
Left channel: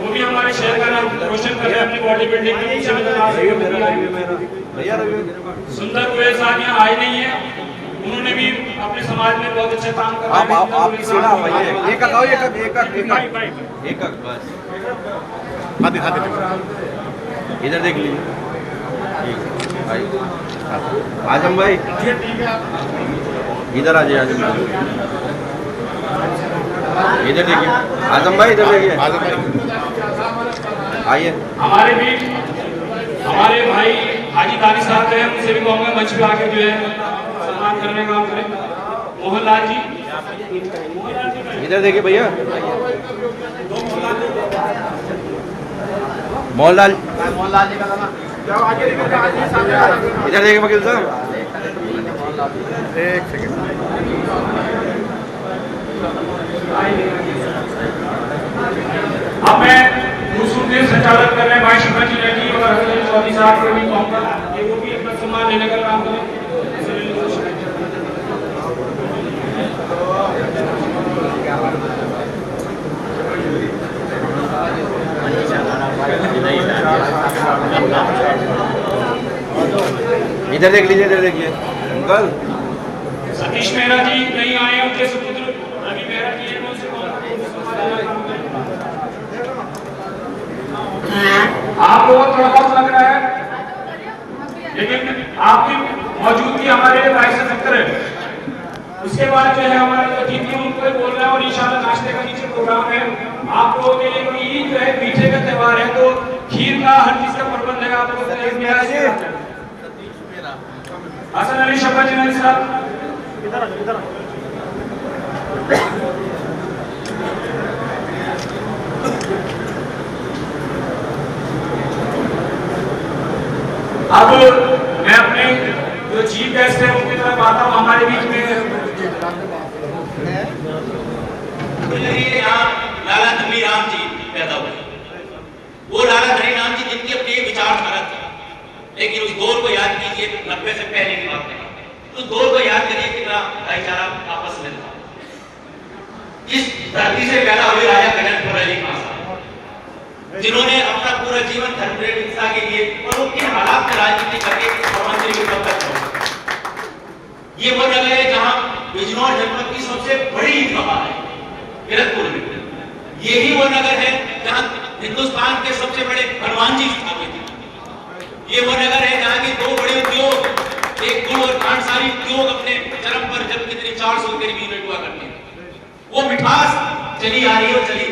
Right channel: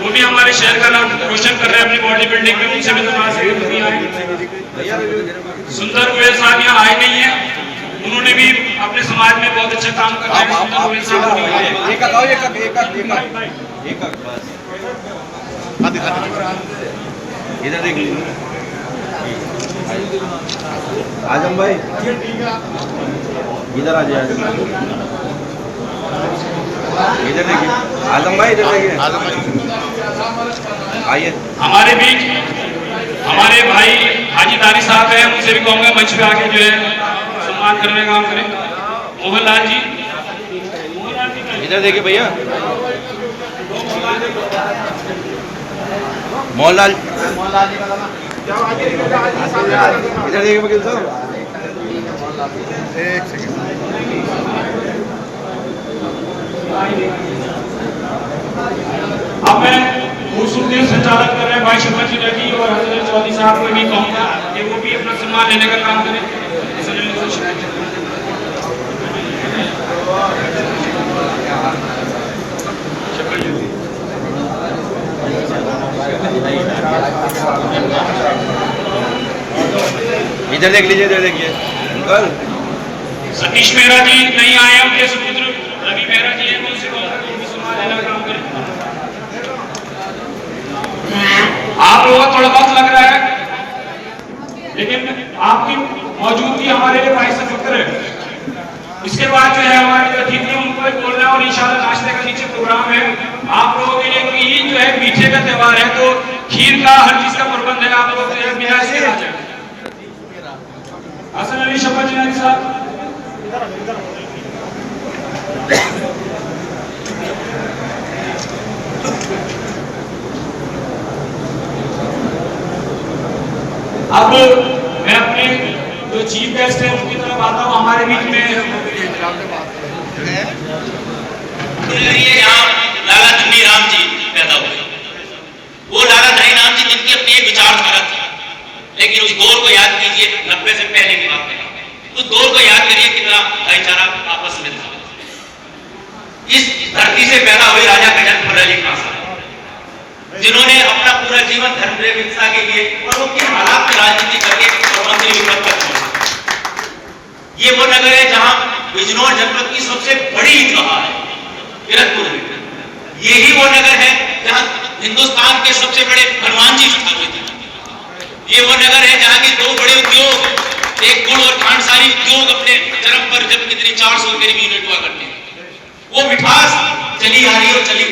वो भी हमारे शहर का नाम रोशन कर रहे हैं अपनी बॉडी बिल्डिंग में, उनसे भी दरख्वास्त है। सुंदर गोयल साहब यहाँ आए नहीं है, उन्होंने भी अपने समाज में बहुत अच्छा काम कर रहे हैं। सुंदर गोयल साहब इधर देख लीजिए आजम भाई, इधर आ जाइए इधर देखिए आजम भाई, इधर देखिए आइए। हमारे बीच हमारे भाई हाजी तारी साहब हैं, उनसे भी कहूँगा मंच पे आके जो है सम्मान करने का काम करें। मोहनलाल जी, इधर देखिए भैया, मोहनलाल जी का गाना इधर देखिए वकील साहब, एक सेकंड। अब मैं खूबसूरती संचालन कर रहे हैं भाई शर्मा जी रेड्डी और हजरत चौधरी साहब को भी कहूँगा कि वो भी अपना सम्मान लेने का काम करें। इधर देख लीजिए, इधर देखिए अंकल। सतीश मेहरा जी नहीं आए, उनके सुपुत्र रवि मेहरा जी हैं, उनसे कहूँगा कि वो भी सम्मान लेने का काम करें। आप लोगों को थोड़ा वक्त लग रहा है, लेकिन आपकी मौजूदगी हमारे लिए बाइस फिक्र है। इसके बाद जो है हमारे अतिथि उनको भी बोल रहे हैं और इंशाल्लाह नाश्ते का नीचे प्रोग्राम है आप लोगों के लिए। तो ईद जो है मीठे का त्यौहार है, तो खीर का हर चीज का प्रबंध है, आप लोग से आ जाए। हसन अली शफा जी साहब, अब मैं अपने जो चीफ गेस्ट है उनकी तरफ आता हूँ। हमारे बीच में लाला धनी राम जी पैदा हुए। वो लाला धनी राम जी जिनकी अपनी एक विचारधारा थी, लेकिन उस दौर को याद कीजिए, 90 से पहले की बात है, उस दौर को याद करिए कितना भाईचारा आपस में था। इस धरती से पैदा हुए राजा गजनफर अली खान साहब, जिन्होंने अपना पूरा जीवन धर्मप्रेम हिंसा के लिए और वो किन हालात में राजनीति करके ये वो नगर है जहां बिजनौर जनपद की सबसे बड़ी ईदगाह है किरतपुर में। यही वो नगर है जहां हिंदुस्तान के सबसे बड़े हनुमान जी स्थापित थे। ये वो नगर है जहां की दो बड़े उद्योग, एक गुड़ और खांडसारी उद्योग अपने चरम पर जब कितनी 400 के करीब यूनिट हुआ करते हैं। वो मिठास चली आ रही और चली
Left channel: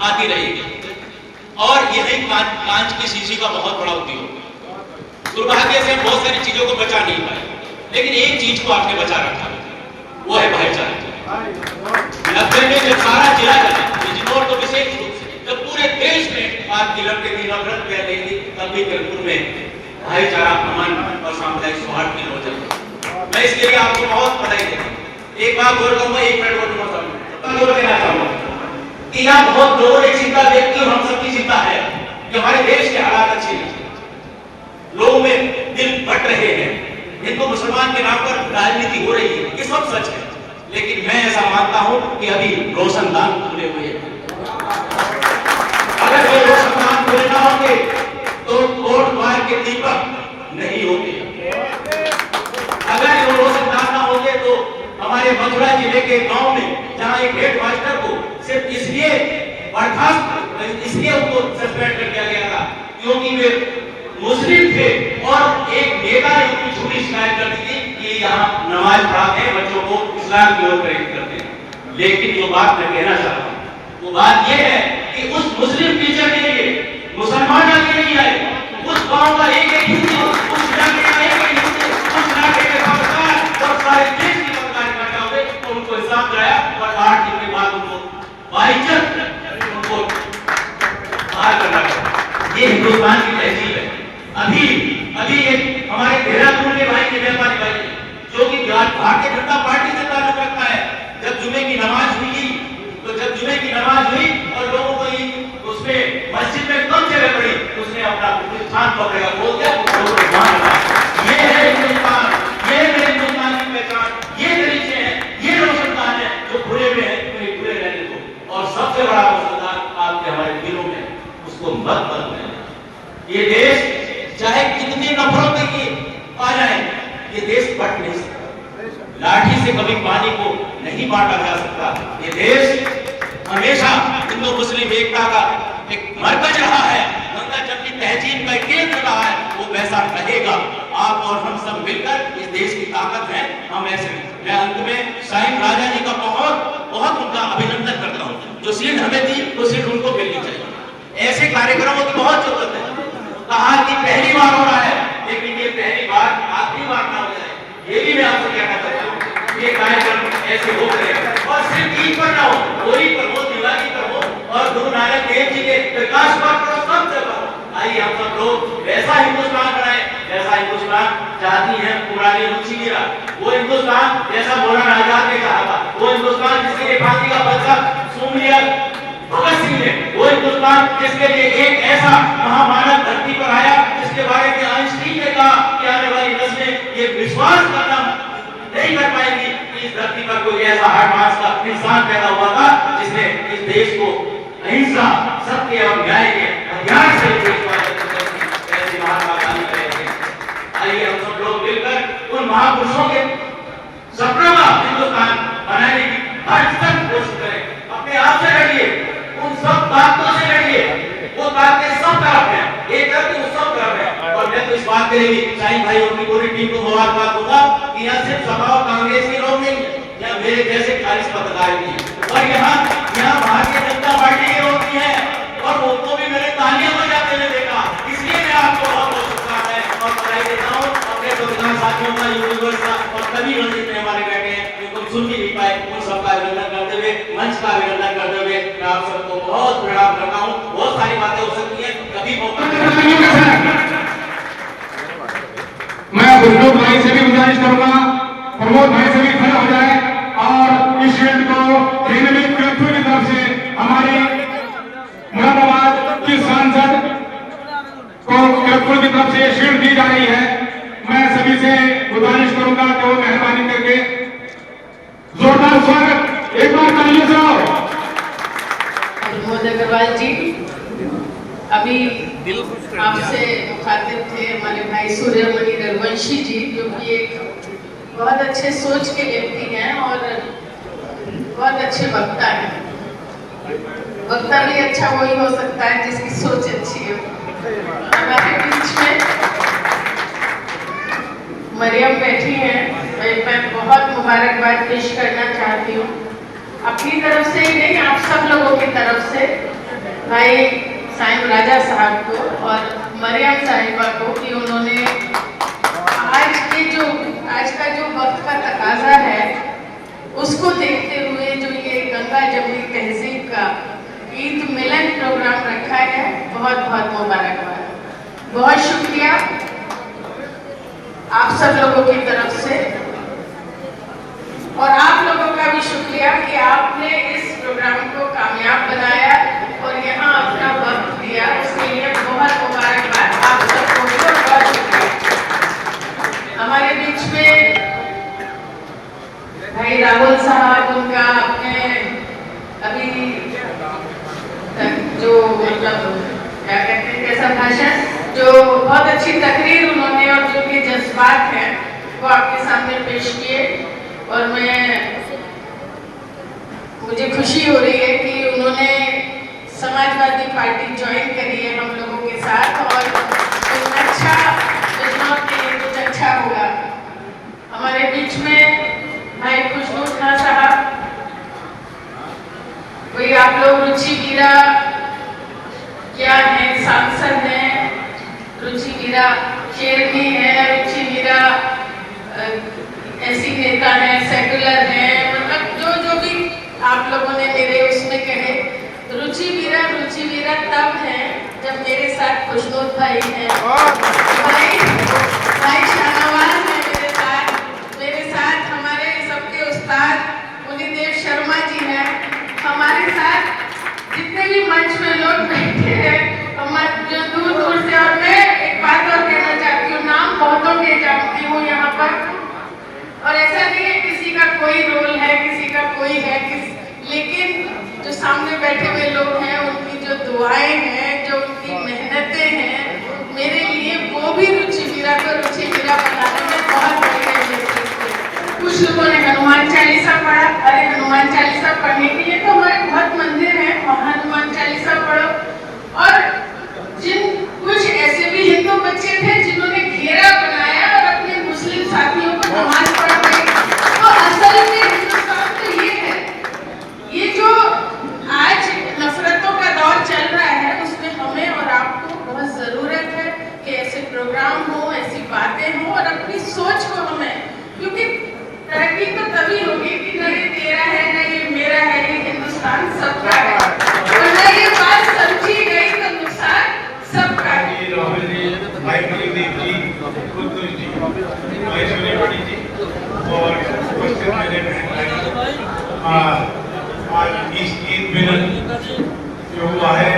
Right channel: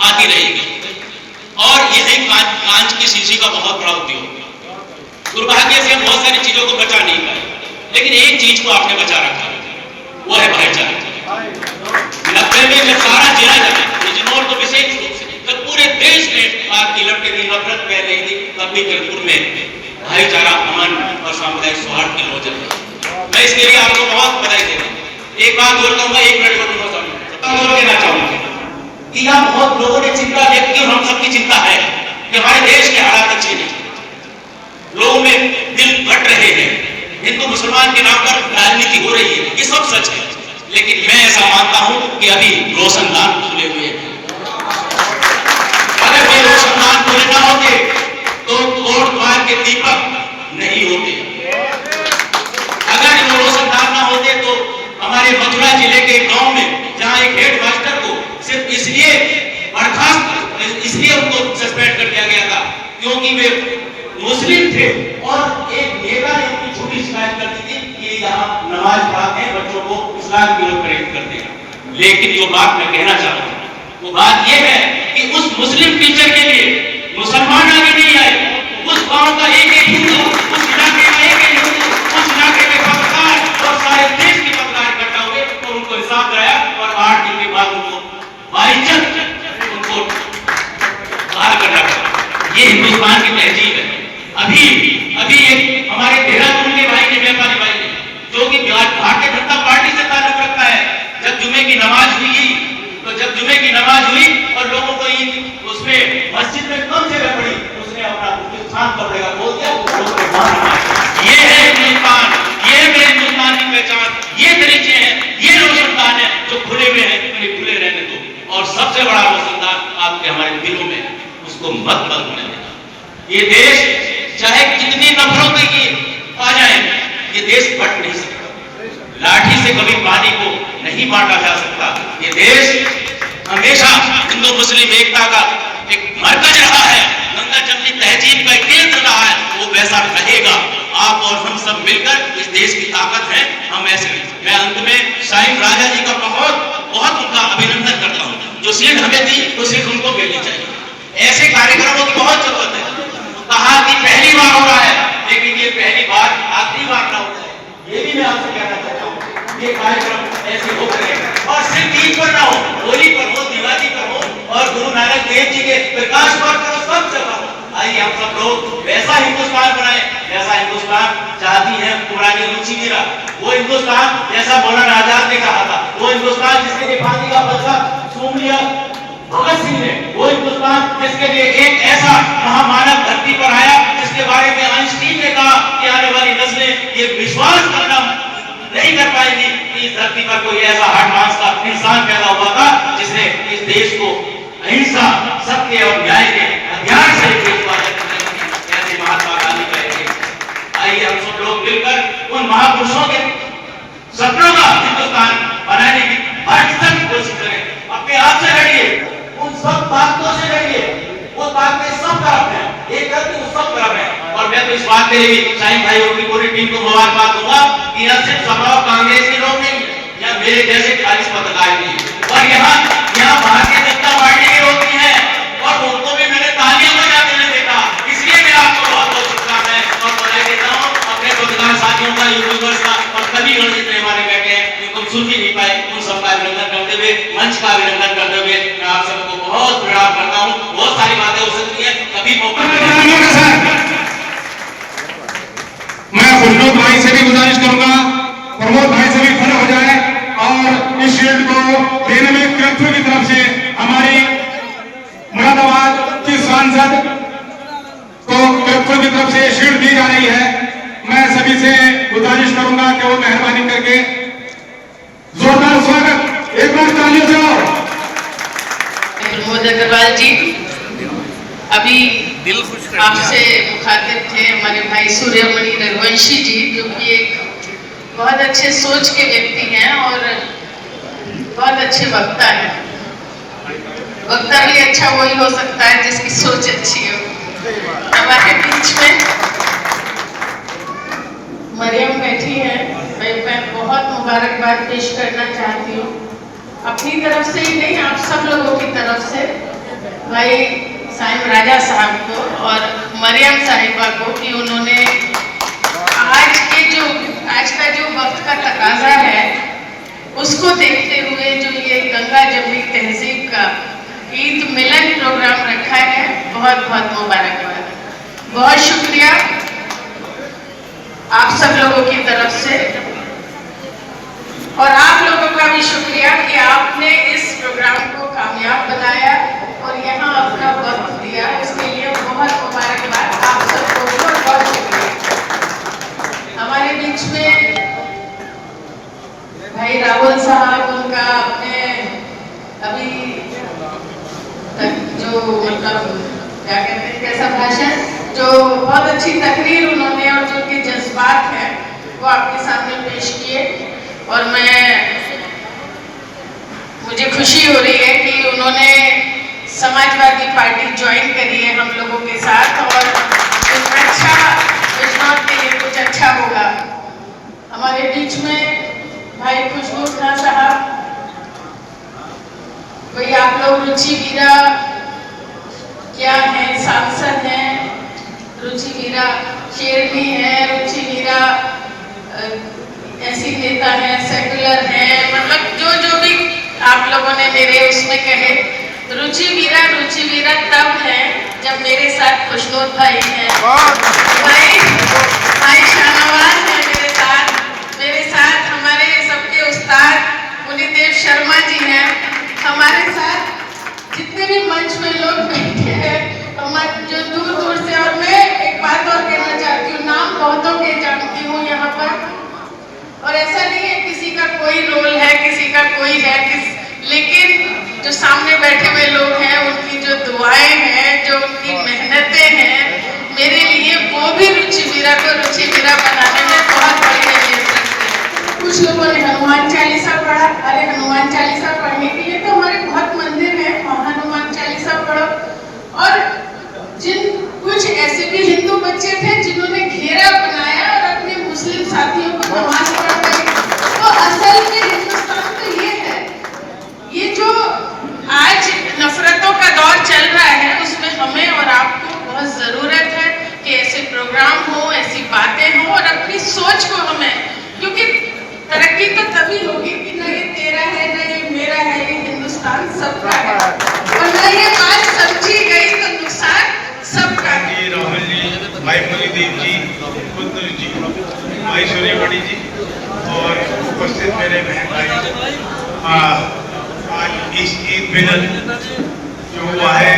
आती रहेगी। और यही कांच की शीशी का बहुत बड़ा उद्योग। दुर्भाग्य से बहुत सारी चीजों को बचा नहीं पाए, लेकिन एक चीज को आपने बचा रखा, वो है भाईचारा। 90 में जब सारा जिला लगा, बिजनौर तो विशेष रूप से, जब पूरे देश में आग की लपटें थी, नफरत फैल रही थी, तब भी किरतपुर में भाईचारा, अमन और सामुदायिक सौहार्द की लोचन है। मैं इसके लिए आपको बहुत बधाई देता हूँ। एक बात और कहूंगा, एक मिनट और कहना चाहूंगा कि यहाँ बहुत लोगों ने चिंता व्यक्त की और हम सबकी चिंता है कि हमारे देश के हालात अच्छे नहीं, लोगों में दिल फट रहे हैं, हिंदू मुसलमान के नाम पर राजनीति हो रही है, ये सब सच है। लेकिन मैं ऐसा मानता हूं कि अभी रोशनदान खुले हुए हैं। अगर ये रोशनदान खुले ना होते तो कोट द्वार के दीपक नहीं होते। अगर ये रोशनदान ना होते तो हमारे मथुरा जिले के गांव में जहां एक हेड मास्टर को सिर्फ इसलिए बर्खास्त, इसलिए उनको सस्पेंड कर दिया गया था क्योंकि वे मुस्लिम थे और एक नेता ने उनको झूठी शिकायत कर दी थी कि यहाँ नमाज पढ़ाते हैं, बच्चों को इस्लाम की ओर प्रेरित करते हैं। लेकिन जो बात मैं कहना चाहता हूँ वो बात ये है कि उस मुस्लिम टीचर के लिए मुसलमान आगे नहीं आए, उस गांव का एक एक हिंदू, उस इलाके का एक एक हिंदू, उस इलाके के पत्रकार और सारे देश के पत्रकार इकट्ठा हुए और उनको हिसाब कराया और 8 दिन के बाद उनको बाइज्जत उनको बाहर करना पड़ा। ये हिंदुस्तान की तहजीब है। अभी एक हमारे देहरादून के भाई ने, व्यापारी भाई ने, जो कि भारतीय जनता पार्टी से ताल्लुक रखता है, जब जुमे की नमाज हुई और लोगों को उसमें मस्जिद में कम जगह पड़ी, उसने अपना स्थान पकड़ेगा बोल दिया। ये है हिंदुस्तान, ये मेरे हिंदुस्तान की पहचान, ये तरीके हैं, ये रोशनदान है जो खुले हुए हैं, उन्हें खुले रहने दो। और सबसे बड़ा रोशनदान आपके हमारे दिलों में, उसको मत बंद होने देना। ये देश चाहे कितनी नफरतों की आ जाए, ये देश बट नहीं सकता। लाठी से कभी पानी को नहीं बांटा जा सकता। ये देश हमेशा हिंदू मुस्लिम एकता का एक मरकज रहा है, गंगा जमनी तहजीब का एक केंद्र रहा है, वो वैसा रहेगा। आप और हम सब मिलकर इस देश की ताकत है, हम ऐसे। मैं अंत में साईं राजा जी का बहुत उनका अभिनंदन करता हूँ। जो सीट हमें दी वो सीट उनको मिलनी चाहिए। ऐसे कार्यक्रमों की बहुत जरूरत है। कहा कि पहली बार हो रहा है, लेकिन ये पहली बार आखिरी बार ना हो जाए, ये भी मैं आपसे कहना चाहता हूँ। ये कार्यक्रम ऐसे हो गए और सिर्फ ईद पर ना हो, होली पर हो, दिवाली पर हो और गुरु नानक देव जी के प्रकाश पर्व पर सब जगह हो। आइए हम सब लोग वैसा हिंदुस्तान बनाए जैसा हिंदुस्तान चाहती है पुरानी रुचि मीरा। वो हिंदुस्तान जैसा मौलाना आजाद ने कहा था, वो हिंदुस्तान जिसके लिए फांसी का बदला सूंघ लिया भगत सिंह ने, वो हिंदुस्तान जिसके लिए एक ऐसा महामानव धरती पर आया जिसके बारे में आइंस्टीन ने कहा कि आने वाली नस्लें ये विश्वास करना नहीं कर पाएंगी कि इस धरती पर कोई ऐसा हठ मांस का इंसान पैदा हुआ था जिसने इस देश को अहिंसा, सत्य और न्याय के अध्याय से ऐसे महात्मा गांधी कहे। आइए हम सब लोग मिलकर उन महापुरुषों के सपनों का हिंदुस्तान बनाने की भरसक कोशिश करें। अपने आप से लड़िए, उन सब ताकतों से लड़िए, वो ताकतें सब तरफ है, एक करके वो सब तरफ है। और मैं तो इस बात के लिए भी शाहीन भाई और की पूरी टीम को मुबारकबाद दूंगा कि यह सिर्फ सपा कांग्रेस के लोग नहीं या मेरे जैसे खालिश पत्रकार नहीं, और यहाँ भारतीय जनता पार्टी के लोग भी हैं और उनको भी मैंने तालियां बजाते हुए देखा। इसलिए मैं आपको बहुत बहुत शुभकामनाएं और बधाई देता हूँ अपने पत्रकार साथियों का, यूट्यूबर्स का और सभी गणित मेहमान बैठे हैं जिनको सुन भी नहीं पाए, उन सबका अभिनंदन करते हुए, मंच का अभिनंदन करते हुए मैं आप सबको बहुत प्रणाम करता हूँ। बहुत सारी बातें हो सकती है, कभी मौका मैं खुशबू भाई से भी गुजारिश करूंगा, प्रमोद भाई से भी खड़ा हो जाए और इस शील्ड को देने में किरतपुर की तरफ से हमारी मुरादाबाद की सांसद को किरतपुर की तरफ से शील्ड दी जा रही है। मैं सभी से गुजारिश करूंगा कि वो मेहरबानी करके जोरदार स्वागत एक बार तालियों से आओ। प्रमोद अग्रवाल जी अभी आपसे मुखातिब थे हमारे भाई सूर्यमणि रघुवंशी जी, जो कि एक बहुत अच्छे सोच के व्यक्ति हैं और बहुत अच्छे वक्ता हैं। वक्ता भी अच्छा वही हो सकता है जिसकी सोच अच्छी हो। हमारे बीच में मरियम बैठी हैं, मैं बहुत मुबारकबाद पेश करना चाहती हूँ अपनी तरफ से ही नहीं, आप सब लोगों की तरफ से भाई साईं राजा साहब को और मरियम साहिबा को कि उन्होंने आज का जो वक्त का तकाजा है उसको देखते हुए जो ये गंगा जमनी तहजीब का ईद मिलन प्रोग्राम रखा है, बहुत बहुत मुबारकबाद, बहुत शुक्रिया आप सब लोगों की तरफ से और आप लोगों का भी शुक्रिया कि आपने इस प्रोग्राम को कामयाब बनाया और यहाँ अपना वक्त दिया, उसके लिए बहुत मुबारकबाद आप सबको, बहुत बहुत शुक्रिया। हमारे बीच में भाई राहुल साहब, उनका अपने अभी जो मतलब क्या कहते हैं कैसा भाषण, जो बहुत अच्छी तकरीर उन्होंने और जो कि जज्बात हैं वो आपके सामने पेश किए और मुझे खुशी हो रही है कि उन्होंने समाजवादी पार्टी ज्वाइन करी है हम लोगों के साथ और कुछ अच्छा बिजनौर के लिए कुछ अच्छा होगा। हमारे बीच में भाई खुशबू खां साहब, वही आप लोग रुचि वीरा क्या है, सांसद हैं, रुचि वीरा शेरनी है, रुचि वीरा ऐसी नेता है, सेकुलर है, मतलब जो जो भी आप लोगों ने मेरे उसमें कहे, रुचि वीरा तब है जब मेरे साथ खुशनूर भाई है, भाई शाहनवाज है मेरे साथ हमारे सबके उस्ताद पुनीदेव शर्मा जी हैं हमारे साथ, जितने भी मंच में लोग बैठे हैं हमारे जो दूर दूर से। और मैं एक बात और कहना चाहती हूँ, नाम बहुतों के जानती हूँ यहाँ पर, और ऐसा नहीं है किसी का कोई रोल है, किसी का कोई है, लेकिन जो सामने बैठे हुए लोग हैं उनकी जो दुआएं हैं, जो उनकी मेहनतें हैं मेरे लिए, वो भी रुचि वीरा को रुचि वीरा बनाने में बहुत बड़ी अहमियत रखते हैं। कुछ लोगों ने हनुमान चालीसा पढ़ा, अरे हनुमान चालीसा पढ़ने के लिए तो हमारे बहुत मंदिर हैं, हनुमान चालीसा पढ़ो। और जिन कुछ ऐसे भी हिंदू बच्चे थे जिन्होंने घेरा बनाया और अपने मुस्लिम साथियों को नमाज पढ़वाई, तो असल में हिंदुस्तान तो ये है, ये जो आज नफरतों का दौर चल रहा है उसमें हमें और आपको बहुत जरूरत है कि ऐसे प्रोग्राम हो, ऐसी बातें हो, और अपनी सोच को हमें, क्योंकि तरक्की तो तभी होगी कि न ये तेरा है, न ये मेरा है, ये हिंदुस्तान सबका है, और न ये बात समझी गई तो नुकसान सबका है। राहुल जी, भाई मुनीदेव जी, खुद जी, भाई सूर्यमणि जी और उपस्थित मेरे बहन भाई, आज इस ईद मिलन जो हुआ है